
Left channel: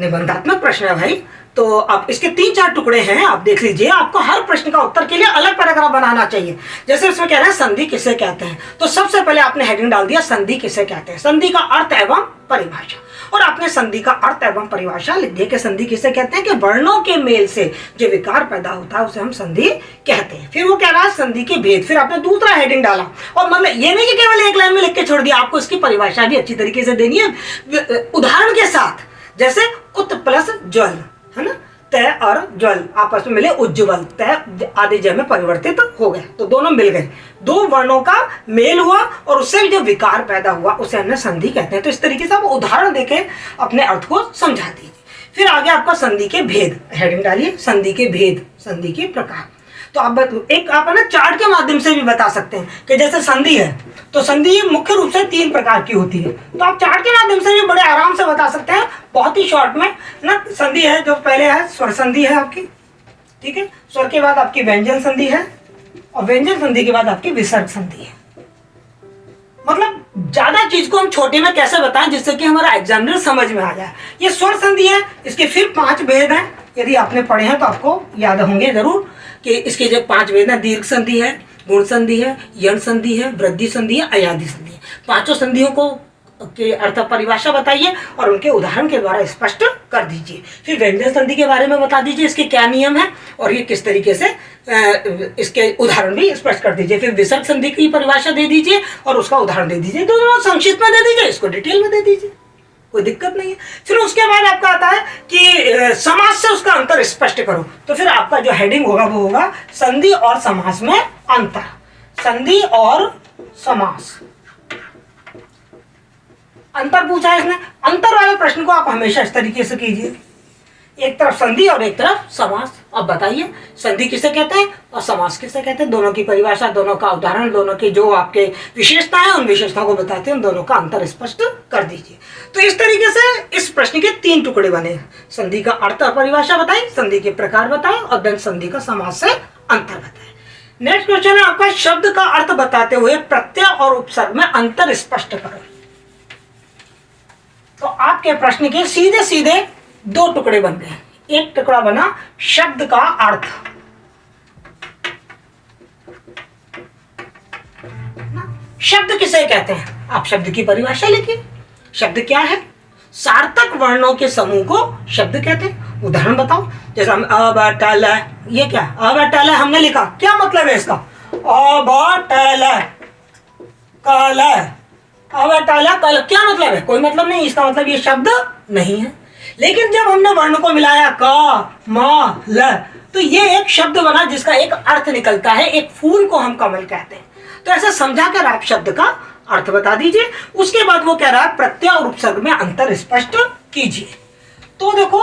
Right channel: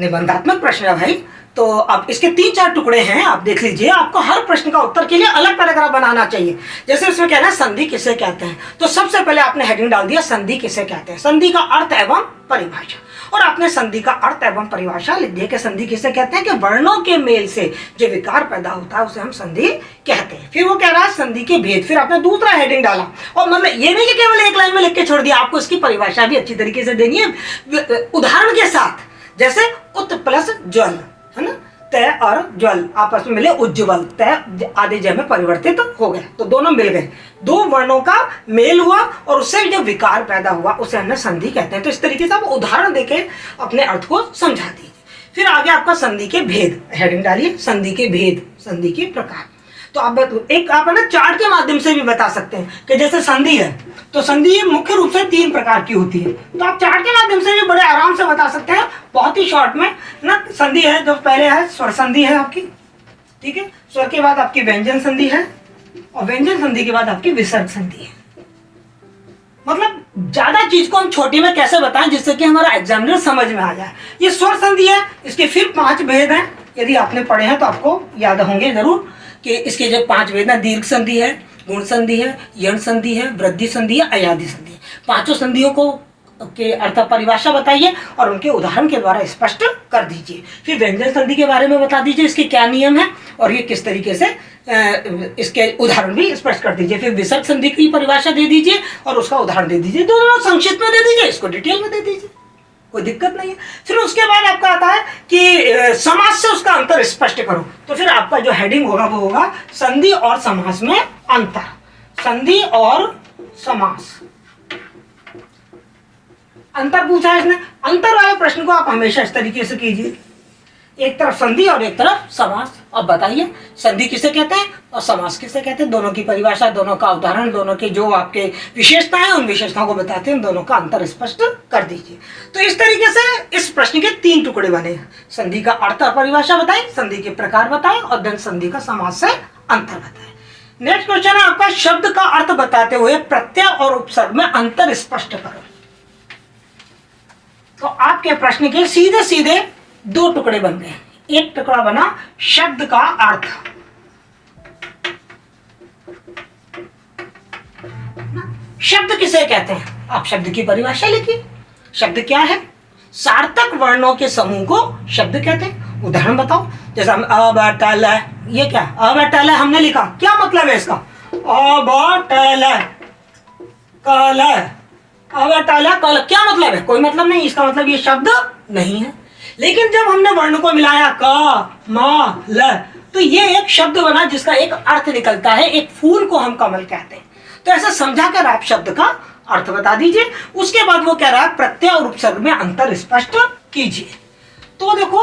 निबंधात्मक प्रश्न है भाई, तो अब इसके 3-4 टुकड़े हैं, आप देख लीजिए। आपको हर प्रश्न का उत्तर के लिए अलग पैराग्राफ बनाना चाहिए। जैसे इसमें कह रहे हैं संधि किसे कहते हैं, तो सबसे पहले आपने हेडिंग डाल दिया संधि किसे कहते हैं, संधि का अर्थ एवं परिभाषा। और आपने संधि का अर्थ एवं परिभाषा लिख दिया कि संधि किसे कहते हैं कि वर्णों के मेल से जो विकार पैदा होता है उसे हम संधि कहते हैं। फिर वो कह रहा है संधि के भेद। फिर आपने दूसरा हेडिंग डाला, और मतलब ये नहीं कि केवल एक लाइन में लिख के छोड़ दिया, आपको इसकी परिभाषा भी अच्छी तरीके से देनी है उदाहरण के साथ। जैसे उत प्लस ज्वल, है ना, तय और ज्वल आपस में मिले उज्ज्वल, तय आदि जय में परिवर्तित हो गए, तो दोनों मिल गए, दो वर्णों का मेल हुआ और उससे जो विकार पैदा हुआ उसे हमने संधि कहते हैं। तो इस तरीके से आप उदाहरण देके अपने अर्थ को समझा दीजिए। फिर आगे आपका संधि के भेद, हेडिंग डालिए संधि के भेद, संधि के प्रकार। तो आप एक आप है ना चार्ट के माध्यम से भी बता सकते हैं कि जैसे संधि है तो संधि मुख्य रूप से 3 प्रकार की होती है, तो आप चार्ट के माध्यम से भी बड़े आराम से बता सकते हैं, बहुत ही शॉर्ट में ना। संधि है जो पहले है स्वर संधि है आपकी, ठीक है, स्वर के बाद आपकी व्यंजन संधि है, और व्यंजन संधि के बाद आपकी विसर्ग संधि है। मतलब ज्यादा चीज को हम छोटे में कैसे बताएं जिससे कि हमारा एग्जामिनर समझ में आ जाए। ये स्वर संधि है, इसके फिर 5 भेद हैं, यदि आपने पढ़े हैं तो आपको याद होंगे जरूर कि इसके जो 5 भेद हैं, दीर्घ संधि है, गुण संधि है, यण संधि है, वृद्धि संधि है, अयादि संधि है। 5 संधियों को के अर्थ परिभाषा बताइए और उनके उदाहरण के द्वारा स्पष्ट कर दीजिए। फिर व्यंजन संधि के बारे में बता दीजिए, इसके क्या नियम है और ये किस तरीके से इसके उदाहरण भी स्पष्ट कर दीजिए। फिर विसर्ग संधि की परिभाषा दे दीजिए और उसका उदाहरण दे दीजिए, दोनों संक्षिप्त में दे दीजिए, इसको डिटेल में दे दीजिए, कोई दिक्कत नहीं है। फिर उसके बाद आपका आता है कि समास से उसका अंतर स्पष्ट करो, तो फिर आपका जो हेडिंग होगा वो होगा संधि और समास में अंतर। संधि और समास। अंतर पूछा है इसने। अंतर वाले प्रश्न को आप हमेशा इस तरीके से कीजिए, एक तरफ संधि और एक तरफ समास। अब बताइए संधि किसे कहते हैं और समास किसे कहते हैं, दोनों की परिभाषा, दोनों का उदाहरण, दोनों के जो आपके विशेषता है उन विशेषताओं को बताते हैं, दोनों का अंतर स्पष्ट कर दीजिए। तो इस तरीके से इस प्रश्न के 3 टुकड़े बने। संधि का अर्थ और परिभाषा बताई, संधि के प्रकार बताए और देन संधि का समास से अंतर बताए। नेक्स्ट क्वेश्चन है आपका, शब्द का अर्थ बताते हुए प्रत्यय और उपसर्ग में अंतर स्पष्ट करो। तो आपके प्रश्न के सीधे सीधे 2 टुकड़े बन गए। एक टुकड़ा बना शब्द का अर्थ, शब्द किसे कहते हैं, आप शब्द की परिभाषा लिखिए। शब्द क्या है, सार्थक वर्णों के समूह को शब्द कहते हैं। उदाहरण बताओ, जैसे हम अबटल, ये क्या अबटल हमने लिखा, क्या मतलब है इसका, अबटल कल, अबटल कल क्या मतलब है, कोई मतलब नहीं, इसका मतलब ये शब्द नहीं है। लेकिन जब हमने वर्ण को मिलाया क म ल, तो ये एक शब्द बना जिसका एक अर्थ निकलता है। एक फूल को हम कमल कहते हैं। तो ऐसा समझाकर आप शब्द का अर्थ बता दीजिए। उसके बाद वो कह रहा है प्रत्यय और उपसर्ग में अंतर स्पष्ट कीजिए। तो देखो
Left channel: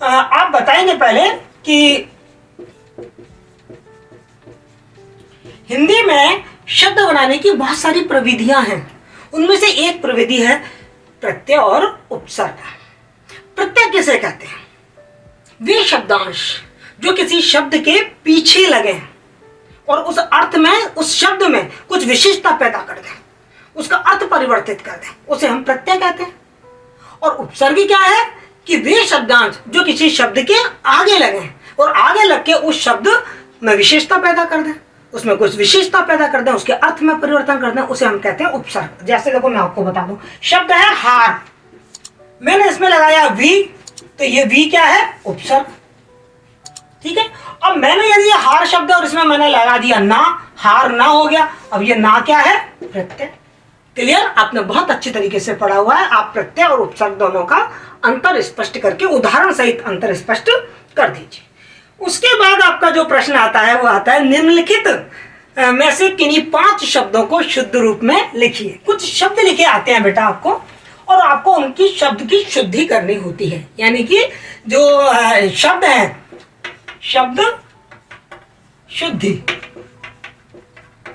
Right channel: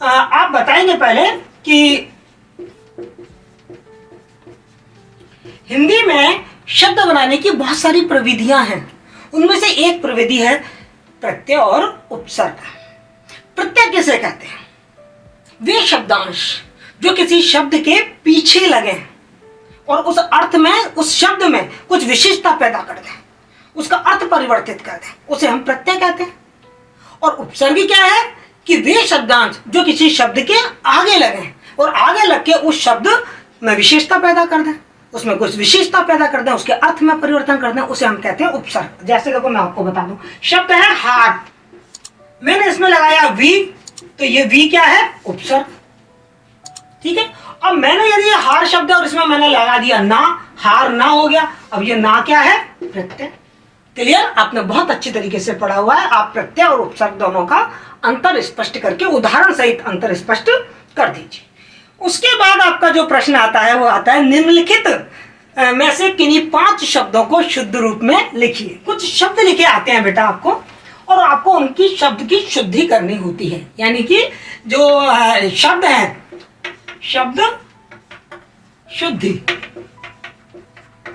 आप बताएंगे पहले कि हिंदी में शब्द बनाने की बहुत सारी प्रविधियां हैं। उनमें से एक प्रविधि है प्रत्यय और उपसर्ग। प्रत्यय किसे कहते हैं, वे शब्दांश जो किसी शब्द के पीछे लगे और उस अर्थ में, उस शब्द में कुछ विशिष्टता पैदा कर दें, उसका अर्थ परिवर्तित कर दें, उसे हम प्रत्यय कहते हैं। और उपसर्ग क्या है कि वे शब्दांश जो किसी शब्द के आगे लगे और आगे लग के उस शब्द में विशेषता पैदा कर दें, उसमें कुछ विशेषता पैदा कर दें, उसके अर्थ में परिवर्तन कर दें, उसे हम कहते हैं उपसर्ग। जैसे देखो मैं आपको बता दूं, शब्द है हार, मैंने इसमें लगाया वी, तो ये वी क्या है, उपसर्ग। ठीक है, अब मैंने यदि ये हार शब्द और इसमें मैंने लगा दिया ना, हार ना हो गया, अब ये ना क्या है, प्रत्यय। क्लियर, आपने बहुत अच्छी तरीके से पढ़ा हुआ है। आप प्रत्यय और उपसर्ग दोनों का अंतर स्पष्ट करके उदाहरण सहित अंतर स्पष्ट कर दीजिए। उसके बाद आपका जो प्रश्न आता है वो आता है निम्नलिखित में से किन्हीं 5 शब्दों को शुद्ध रूप में लिखिए। कुछ शब्द लिखे आते हैं बेटा आपको, और आपको उनकी शब्द की शुद्धि करनी होती है। यानी कि जो शब्द है, शब्द शुद्धि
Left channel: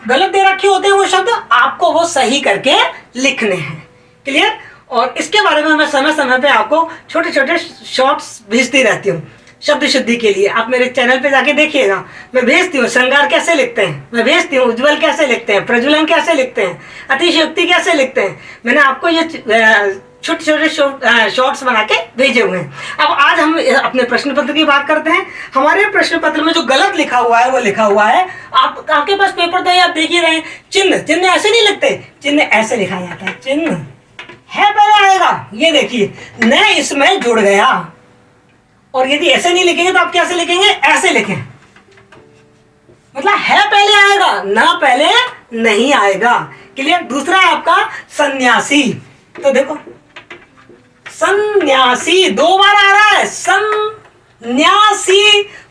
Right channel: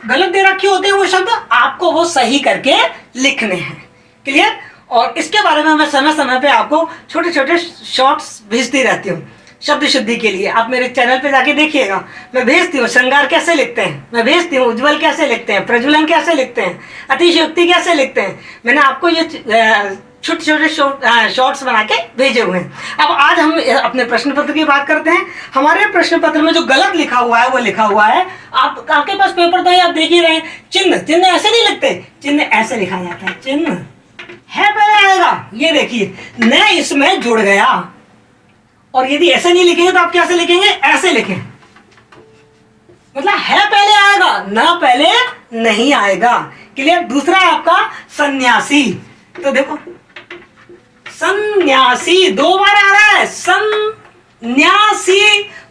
गलत दे रखे होते हैं वो शब्द, आपको वो सही करके लिखने हैं। क्लियर, और इसके बारे में मैं समय समय पे आपको छोटे छोटे शॉर्ट्स भेजती रहती हूँ शब्द शुद्धि के लिए। आप मेरे चैनल पे जाके देखिएगा, मैं भेजती हूँ श्रृंगार कैसे लिखते हैं, मैं भेजती हूँ उज्ज्वल कैसे लिखते हैं, प्रज्वलन कैसे लिखते हैं, अतिशयोक्ति कैसे लिखते हैं। मैंने आपको ये छोटे छोटे शॉर्ट्स बना के भेजे हुए हैं। अब आज हम अपने प्रश्न पत्र की बात करते हैं। हमारे प्रश्न पत्र में जो गलत लिखा हुआ है वो लिखा हुआ है, आपके पास पेपर तो है, आप देख ही रहे हैं, चिन्ह, चिन्ह ऐसे नहीं लिखते, चिन्ह ऐसे लिखा जाता है। चिन्ह है पहले आएगा, ये देखिए न इसमें जुड़ गया, और यदि ऐसे नहीं लिखेंगे तो आप कैसे लिखेंगे, ऐसे लिखें, मतलब है पहले आएगा, ना पहले नहीं आएगा। क्लियर। दूसरा है आपका सन्यासी, तो देखो सन्यासी 2 बार आ रहा है, सन्यासी,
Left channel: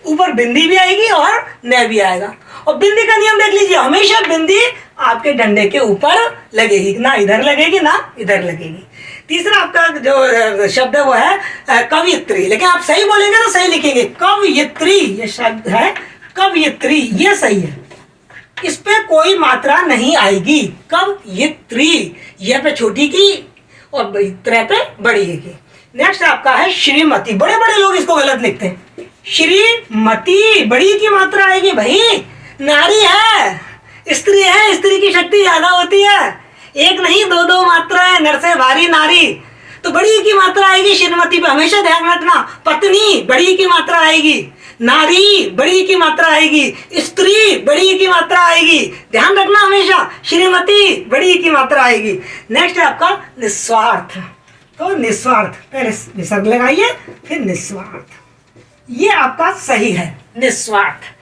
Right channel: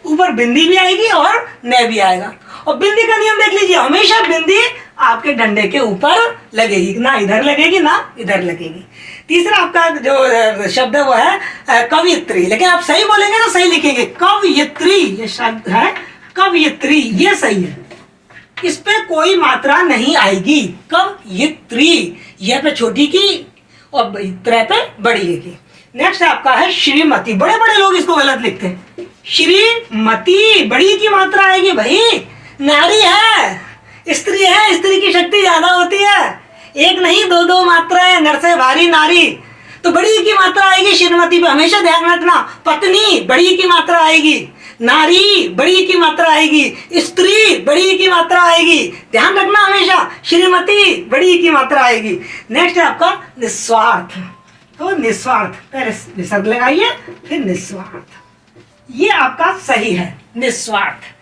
ऊपर बिंदी भी आएगी और न भी आएगा। और बिंदी का नियम देख लीजिए, हमेशा बिंदी आपके डंडे के ऊपर लगेगी, ना इधर लगेगी ना इधर लगेगी। तीसरा आपका जो शब्द है वो है कवियत्री, लेकिन आप सही बोलेंगे तो सही लिखेंगे, कवियत्री ये शब्द है, कवियत्री ये सही है, इस पे कोई मात्रा नहीं आएगी, कवियत्री, यह पे छोटी की और त्रे पे बड़ी है। नेक्स्ट आपका है श्रीमती, बड़े बड़े लोग इसको गलत लिखते हैं, श्रीमती बड़ी की मात्रा आएगी, भाई नारी है, स्त्री है, स्त्री की शक्ति ज्यादा होती है, एक नहीं 2 मात्राएं, नर से भारी नारी, तो बड़ी की मात्रा आएगी श्रीमती पे, हमेशा ध्यान रखना। पत्नी बड़ी की मात्रा आएगी, नारी बड़ी की मात्रा आएगी, स्त्री बड़ी की मात्रा आएगी, ध्यान रखना हमेशा, श्रीमती बड़ी की मात्रा आएगी। नेक्स्ट है आपका निस्वार्थ, तो निस्वार्थ पहले निसर्ग लगाइए फिर निस्वार्थ, ये आपका सही है निस्वार्थ।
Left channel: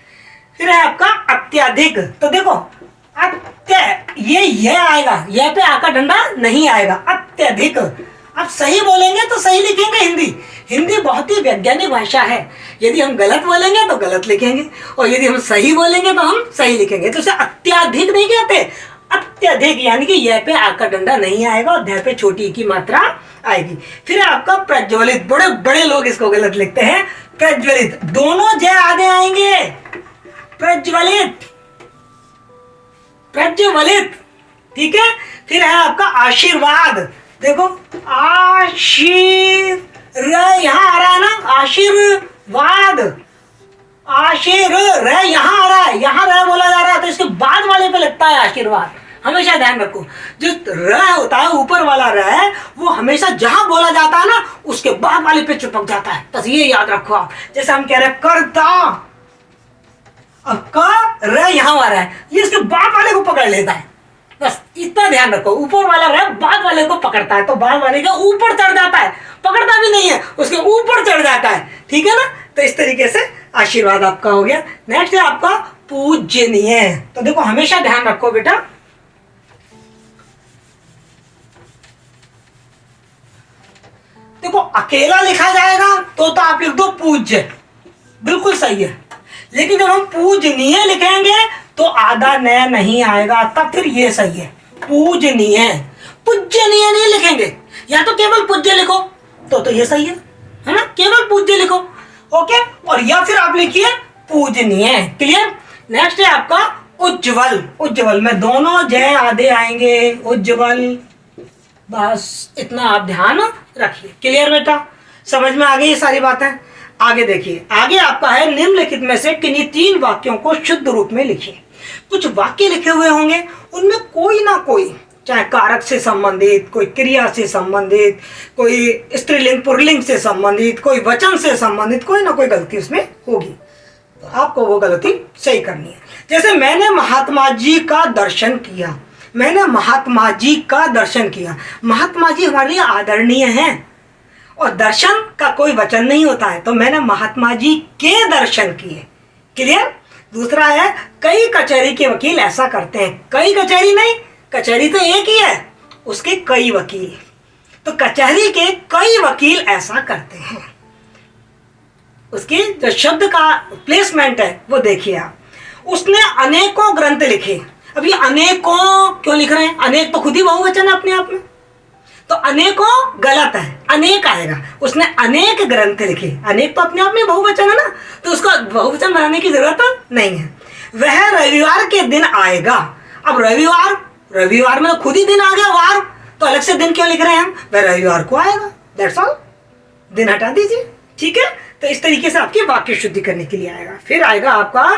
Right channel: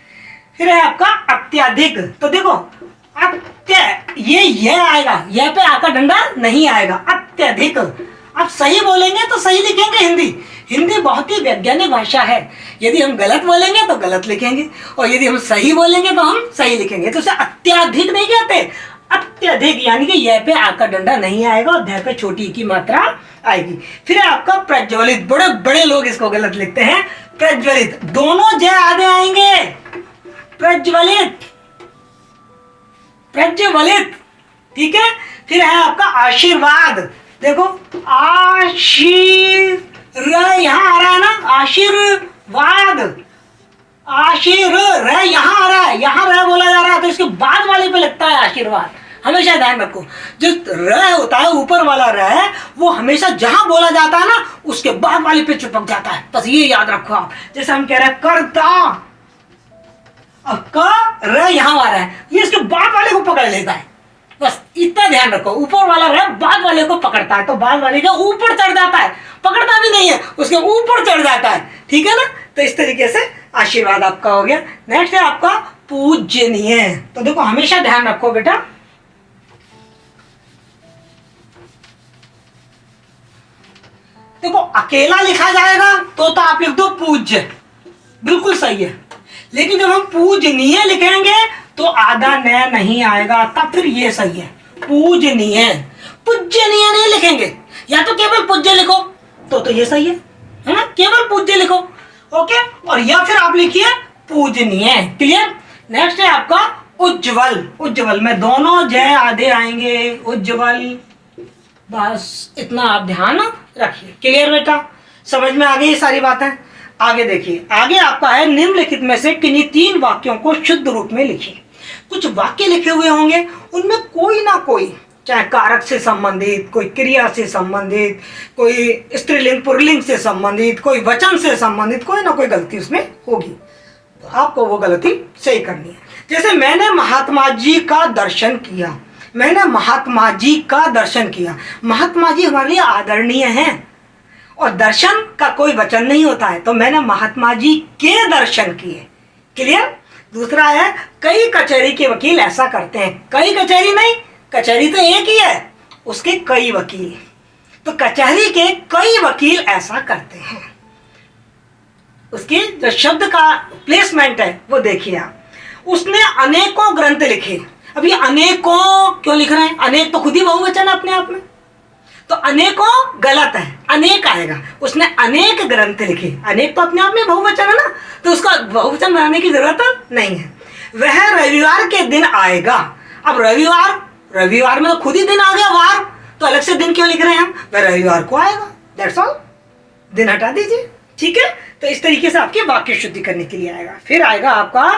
फिर है आपका अत्यधिक, तो देखो अत्य ये आएगा, यह पे आका डंडा नहीं आएगा, अत्यधिक, आप सही बोलेंगे तो सही लिखेंगे हिंदी। हिंदी बहुत ही वैज्ञानिक भाषा है। यदि हम गलत बोलेंगे तो गलत लिखेंगे, और यदि हम सही बोलेंगे तो हम सही लिखेंगे। तो उसे अत्याधिक नहीं कहते, अत्यधिक, यानी कि यह पे आकर डंडा नहीं आएगा और धै पे छोटी की मात्रा आएगी। फिर आपका प्रज्वलित, बड़े बड़े लोग इसको गलत लिखते हैं, प्रज्वलित, दोनों जय आगे आएंगे, प्रज्वलित, प्रज्वलित, ठीक है। फिर है आपका आशीर्वाद, देखो यहाँ आ रहा है ना, आशीर्वाद, आशीर यहाँ आ रहा है, यहाँ रह बोला जा रहा है, तो इसके बाद वाले पे लगता है आशीर्वाद। हमेशा ध्यान रखो, जो र होता है ऊपर वाला र, वो हमेशा जहां बोला जाता है ना उसके बाद वाले पे चिपक जाता है, बस ये याद रखो आप। जैसे हम कह रहे हैं कर्ता, अब क र यहाँ आ रहा है, ये इसके बाद वाले को पकड़ लेता है, बस इतना ध्यान रखो। ऊपर वाला र बाद वाले को पकड़ता है, तो बाद वाले का ऊपर चढ़ जाता है, पकड़ता भी नहीं है, उसके ऊपर चढ़ जाता है, ठीक है ना। तो इस तरीके से आशीर्वाद आपका हो गया। नेक्स्ट है आपका पूजनीय। तो देखो हमेशा ध्यान रखो बेटा, देखो अकेला लिखा जाएगा तो आप लिख दो पूज्य, बिल्कुल सही है। लेकिन जब हम पूजनीय लिखेंगे तो आधा नया नहीं आएगा, तब फिर ये सही है, पूजनीय। पूजनीय नहीं लिखेंगे, या तो केवल पूज्य लिखो तो ये सही है ना, केवल पूज्य लिखो, ओके। और या फिर आप लिखिए पूजनीय, क्लियर। नेक्स्ट है आपका उज्जवल। उज्जवल में दोनों जय आधे आएंगे, उज्जवल, बस इतना आप ध्यान रखिए, क्लियर बेटा, समझ में आ गई ये सारी बातें। आगे देखिए, आगे आपका है निम्नलिखित में से किन्हीं 3 वाक्यों को शुद्ध रूप में लिखिए। कुछ वाक्य लिखे हुए होंगे, उनमें कोई ना कोई, चाहे कारक से संबंधित, कोई क्रिया से संबंधित, कोई स्त्रीलिंग पुल्लिंग से संबंधित, कोई वचन से संबंधित, कोई ना कोई गलती उसमें होगी, तो आपको वो गलती सही करनी है। जैसे मैंने महात्मा जी का दर्शन किया, मैंने महात्मा जी का दर्शन किया, महात्मा जी हमारे लिए आदरणीय हैं, और दर्शन का कोई वचन नहीं होता है, तो मैंने महात्मा जी के दर्शन किए, क्लियर। दूसरा है कई कचहरी के वकील ऐसा करते हैं, कई कचहरी नहीं, कचहरी तो एक ही है, उसके कई वकील, तो कचहरी के कई वकील ऐसा करते हैं। उसके जो शब्द का प्लेसमेंट है वो देखिए आप। उसने अनेकों ग्रंथ लिखे, अब ये अनेकों क्यों लिख रहे हैं, अनेक तो खुद ही बहुवचन है अपने आप में, तो अनेकों गलत है, अनेक आएगा। उसने अनेक ग्रंथ लिखे, अनेक तो अपने आप में बहुवचन है ना, तो उसका बहुवचन बनाने की जरूरत नहीं है। वह रविवार के दिन आएगा, अब रविवार, रविवार में तो खुद ही दिन आ गया, वार, तो अलग से दिन क्यों लिख रहे हैं हम, वह रविवार को आएगा, दैट्स ऑल, दिन हटा दीजिए, ठीक है। तो इस तरीके से आपकी वाक्य शुद्धि करने के लिए आएगा। फिर आएगा आपका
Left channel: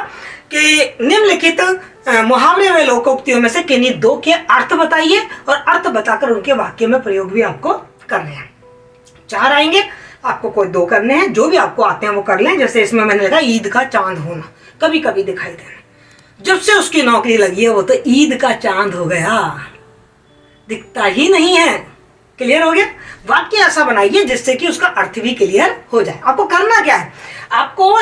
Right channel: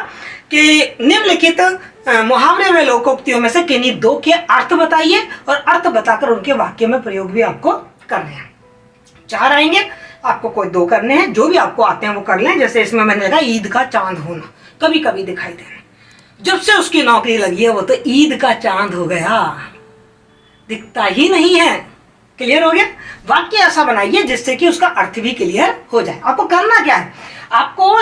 कि निम्नलिखित मुहावरे में लोकोक्तियों में से किन्हीं 2 के अर्थ बताइए, और अर्थ बताकर उनके वाक्य में प्रयोग भी आपको करने हैं। 4 आएंगे, आपको कोई 2 करने हैं, जो भी आपको आते हैं वो कर लें। जैसे इसमें मैंने लिखा ईद का चांद होना, कभी कभी दिखाई देना, जब से उसकी नौकरी लगी है वो तो ईद का चांद हो गया, दिखता ही नहीं है, क्लियर हो गया। वाक्य ऐसा बनाइए जिससे कि उसका अर्थ भी क्लियर हो जाए। आपको करना क्या है, आपको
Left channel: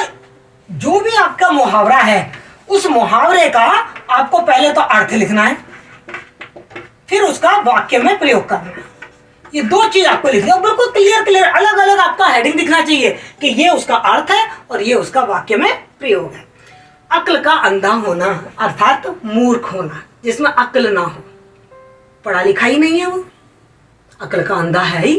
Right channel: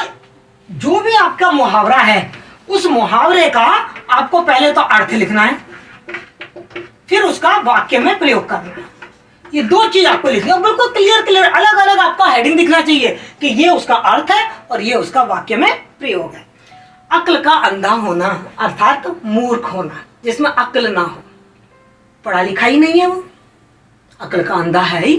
जो भी आपका मुहावरा है उस मुहावरे का आपको पहले तो अर्थ लिखना है, फिर उसका वाक्य में प्रयोग करना है। ये 2 चीज आपको लिखनी है, बिल्कुल क्लियर क्लियर, अलग अलग आपका हेडिंग दिखना चाहिए कि ये उसका अर्थ है और ये उसका वाक्य में प्रयोग है। अक्ल का अंधा होना अर्थात मूर्ख होना, जिसमें अक्ल ना हो, पढ़ा लिखा ही नहीं है वो, अक्ल का अंधा है ही,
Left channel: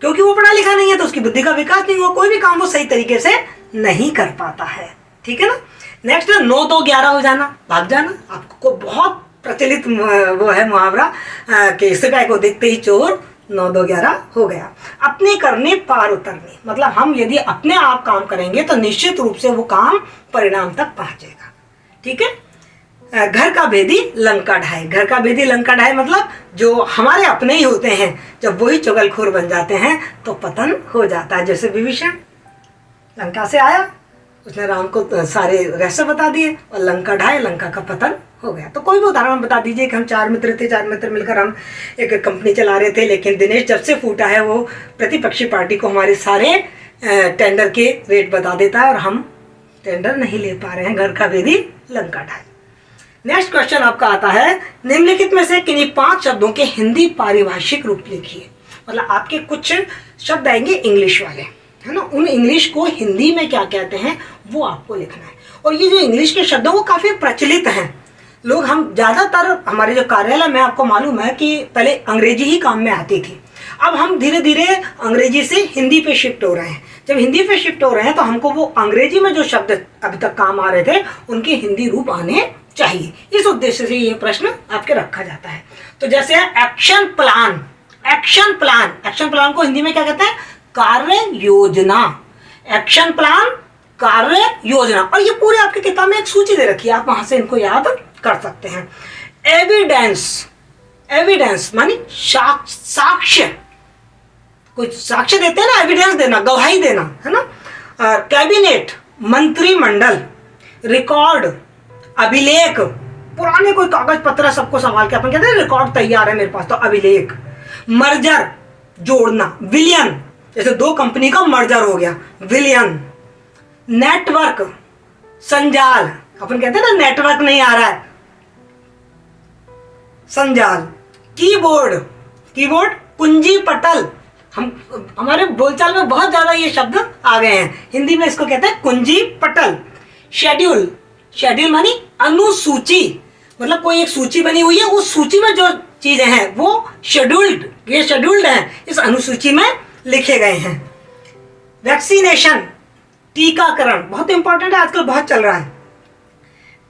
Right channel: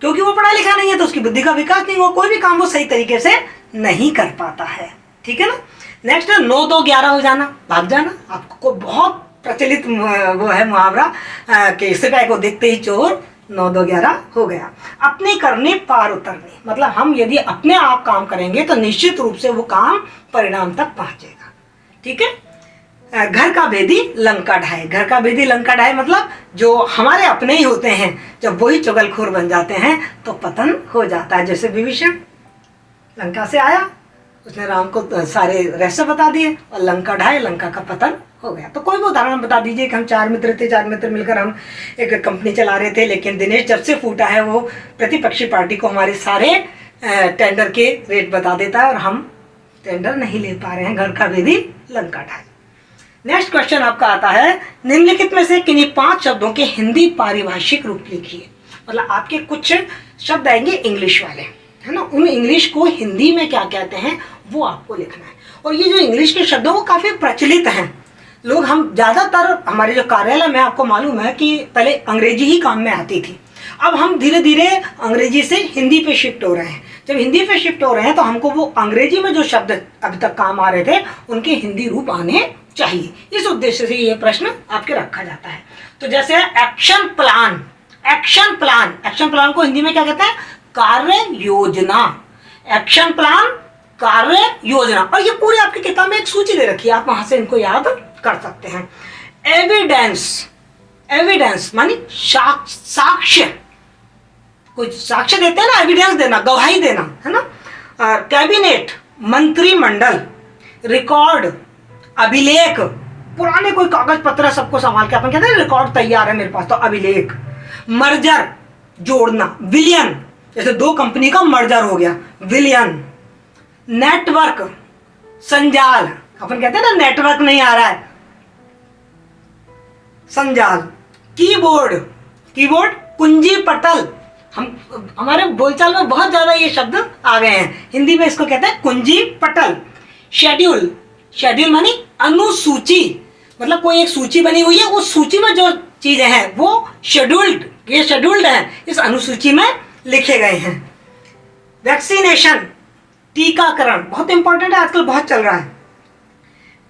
क्योंकि वो पढ़ा लिखा नहीं है तो उसकी बुद्धि का विकास नहीं हुआ, कोई भी काम वो सही तरीके से नहीं कर पाता है, ठीक है ना। नेक्स्ट 9 2 11 हो जाना, भाग जाना। आपको बहुत प्रचलित वो है मुहावरा कि सिपाही को देखते ही चोर, 9 2 11 हो गया। अपने करने पार उतरने, मतलब हम यदि अपने आप काम करेंगे तो निश्चित रूप से वो काम परिणाम तक पहुंचेगा, ठीक है। घर का भेदी लंका ढाए, घर का भेदी लंका ढाए मतलब जो हमारे अपने ही होते हैं, जब वही चुगलखोर बन जाते हैं तो पतन हो जाता है। जैसे विभीषण लंका से आया, उसने राम को सारे रहस्य बता दिए और लंका ढाए, लंका का पतन हो गया। तो कोई भी उदाहरण बता दीजिए कि हम 4 मित्र थे, 4 मित्र मिलकर हम एक कंपनी चला रहे थे, लेकिन दिनेश जब से फूटा है वो प्रतिपक्षी पार्टी को हमारे सारे टेंडर के रेट बता देता है और हम टेंडर नहीं ले पा रहे हैं। घर का भेदी लंका ढाए। नेक्स्ट क्वेश्चन आपका आता है, निम्नलिखित में से किन्हीं 5 शब्दों के हिंदी पारिभाषिक रूप लिखिए। मतलब आपके कुछ शब्द आएंगे इंग्लिश वाले, है ना, उन इंग्लिश को हिंदी में क्या कहते हैं वो आपको लिखना है। और ये जो इंग्लिश के शब्द हैं वो काफ़ी प्रचलित हैं। लोग हम ज़्यादातर हमारे जो कार्यालय में आपको मालूम है कि पहले अंग्रेजी ही काम में आती थी, अब हम धीरे धीरे अंग्रेजी से हिंदी पे शिफ्ट हो रहे हैं। जब हिंदी पे शिफ्ट हो रहे हैं तो हमको वो अंग्रेजी में जो शब्द अभी तक काम आ रहे थे उनके हिंदी रूप आने चाहिए। इस उद्देश्य से ये प्रश्न आपके रखा जाता है। तो जैसे action plan, action plan, action plan को हिंदी में क्या कहते हैं, कार्य योजना। एक्शन प्लान, कार्य योजना। और ये पूरी आपकी किताब में एक सूची दे रखी है, आप वहां से इनको याद कर सकते हैं। एविडेंस, एविडेंस मानी साक्ष्य, कुछ साक्ष्य देते हैं ना, एविडेंस देना, गवाही देना, है ना। कैबिनेट, मंत्रिमंडल। रिकॉर्ड, अभिलेख, पुराने कोई कागज पत्र सबको संभाल के अपन कहते हैं रिकॉर्ड तैयार है मेरे पास, तो अभिलेख। मर्जर, जोड़ना। विलियन, जैसे दो कंपनी का मर्जर हो गया, विलियन। नेटवर्क, संजाल, अपन कहते हैं ना नेटवर्क नहीं आ रहा है, संजाल। कीबोर्ड, कीबोर्ड, कुंजी पटल। हमारे बोलचाल में बहुत ज्यादा ये शब्द आ गए हैं, हिंदी में इसको कहते हैं कुंजी पटल। शेड्यूल, शेड्यूल मानी अनुसूची, मतलब कोई एक सूची बनी हुई है, उस सूची में जो चीजें हैं वो शेड्यूल्ड, ये शेड्यूल्ड हैं, इस अनुसूची में लिखे गए हैं। वैक्सीनेशन, टीकाकरण, बहुत इंपॉर्टेंट है, आजकल बहुत चल रहा है।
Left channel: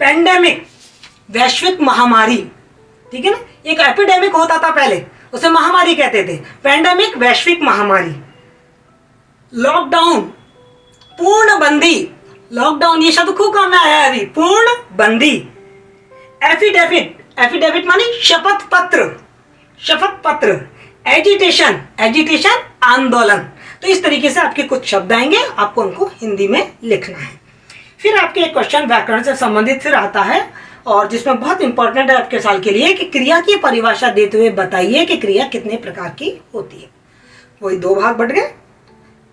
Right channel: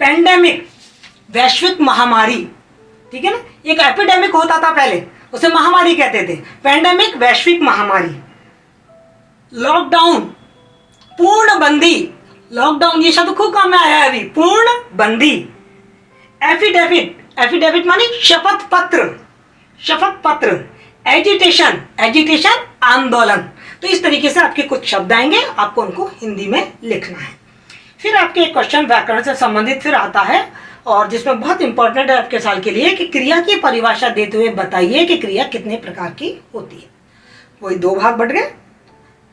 पेंडेमिक, वैश्विक महामारी, ठीक है ना, एक एपिडेमिक होता था पहले, उसे महामारी कहते थे, पेंडेमिक वैश्विक महामारी। लॉकडाउन, पूर्णबंदी, लॉकडाउन ये शब्द खूब काम में आया है अभी, पूर्णबंदी। एफिडेविट, एफिडेविट मानी शपथ पत्र, शपथ पत्र। एजिटेशन, एजिटेशन आंदोलन। तो इस तरीके से आपके कुछ शब्द आएंगे, आपको उनको हिंदी में लिखना है। फिर आपके एक क्वेश्चन व्याकरण से संबंधित फिर आता है, और जिसमें बहुत इंपॉर्टेंट है आपके साल के लिए कि क्रिया की परिभाषा देते हुए बताइए कि क्रिया कितने प्रकार की होती है। वही दो भाग बढ़ गए।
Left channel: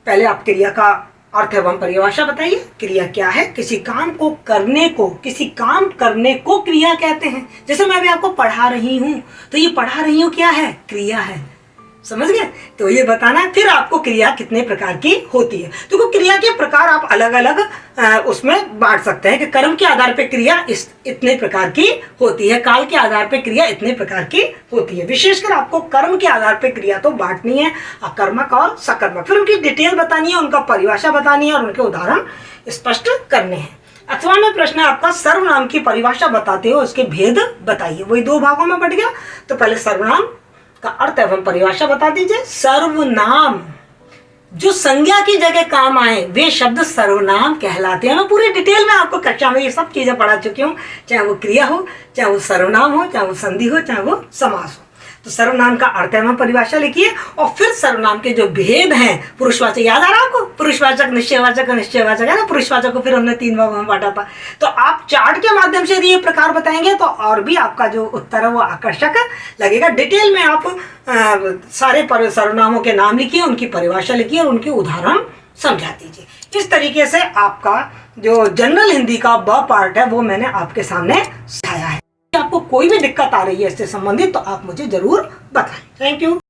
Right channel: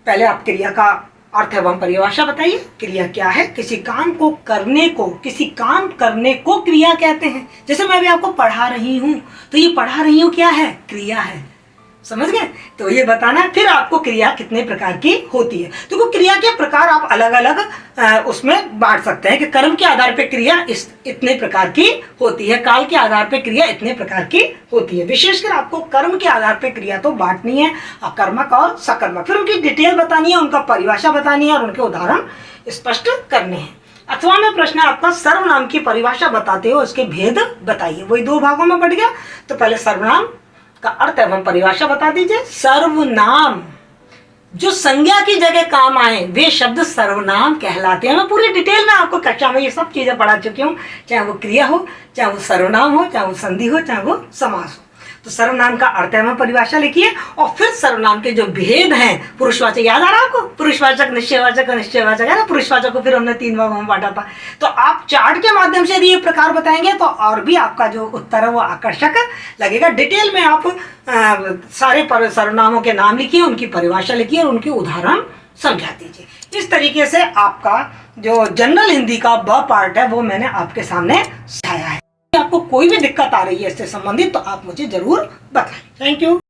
पहले आप क्रिया का अर्थ एवं परिभाषा बताइए, क्रिया क्या है। किसी काम को करने को, किसी काम करने को क्रिया कहते हैं। जैसे मैं अभी आपको पढ़ा रही हूं, तो ये पढ़ा रही हूं क्या है, क्रिया है, समझ गए। तो ये बताना है। फिर आपको क्रिया कितने प्रकार की होती है, तो क्रिया के प्रकार आप अलग अलग उसमें बांट सकते हैं कि कर्म के आधार पर क्रिया इतने प्रकार की होती है, काल के आधार पर क्रिया इतने प्रकार की होती है। विशेषकर आपको कर्म के आधार पर क्रिया तो बांटनी है, अकर्मक और सकर्मक। फिर उनकी डिटेल बतानी है, उनका परिभाषा बतानी है और उनके उदाहरण स्पष्ट करने हैं। अथवा में प्रश्न आपका सर्वनाम की परिभाषा बताते हो, उसके भेद बताइए। वही दो भागों में बढ़ गया। तो पहले सर्वनाम का अर्थ एवं परिभाषा बता दीजिए। सर्वनाम, जो संज्ञा की जगह काम आए वे शब्द सर्वनाम कहलाते हैं। मैं पूरी डिटेल में आपको कक्षा में ये सब चीजें पढ़ा चुकी हूँ, चाहे वो क्रिया हो, चाहे वो सर्वनाम हो, चाहे वो संधि हो, चाहे वो समास हो। तो सर्वनाम का अर्थ एवं परिभाषा लिखिए, और फिर सर्वनाम के जो भेद हैं, पुरुषवाचक याद आ रहा है आपको, पुरुषवाचक, निश्चयवाचक और निश्चयवाचक है ना। पुरुषवाचक को फिर हमने 3 भागों में बांटा था। तो आप चार्ट के माध्यम से यदि ये प्रकार बताएंगे तो और भी आपका जो उत्तर है वो आकर्षक लगेगा। डिटेल में आप सारे सर्वनामों के नाम लिखिए, उनकी परिभाषा लिखिए और उनके उदाहरण समझा दीजिए। इस तरीके से आपका जो जनरल हिंदी का ब पार्ट है वो मैंने आपके सामने समझाया है। आपको कोई भी दिक्कत आ रही है इससे संबंधित तो आप मुझे जरूर बताएं। Thank you.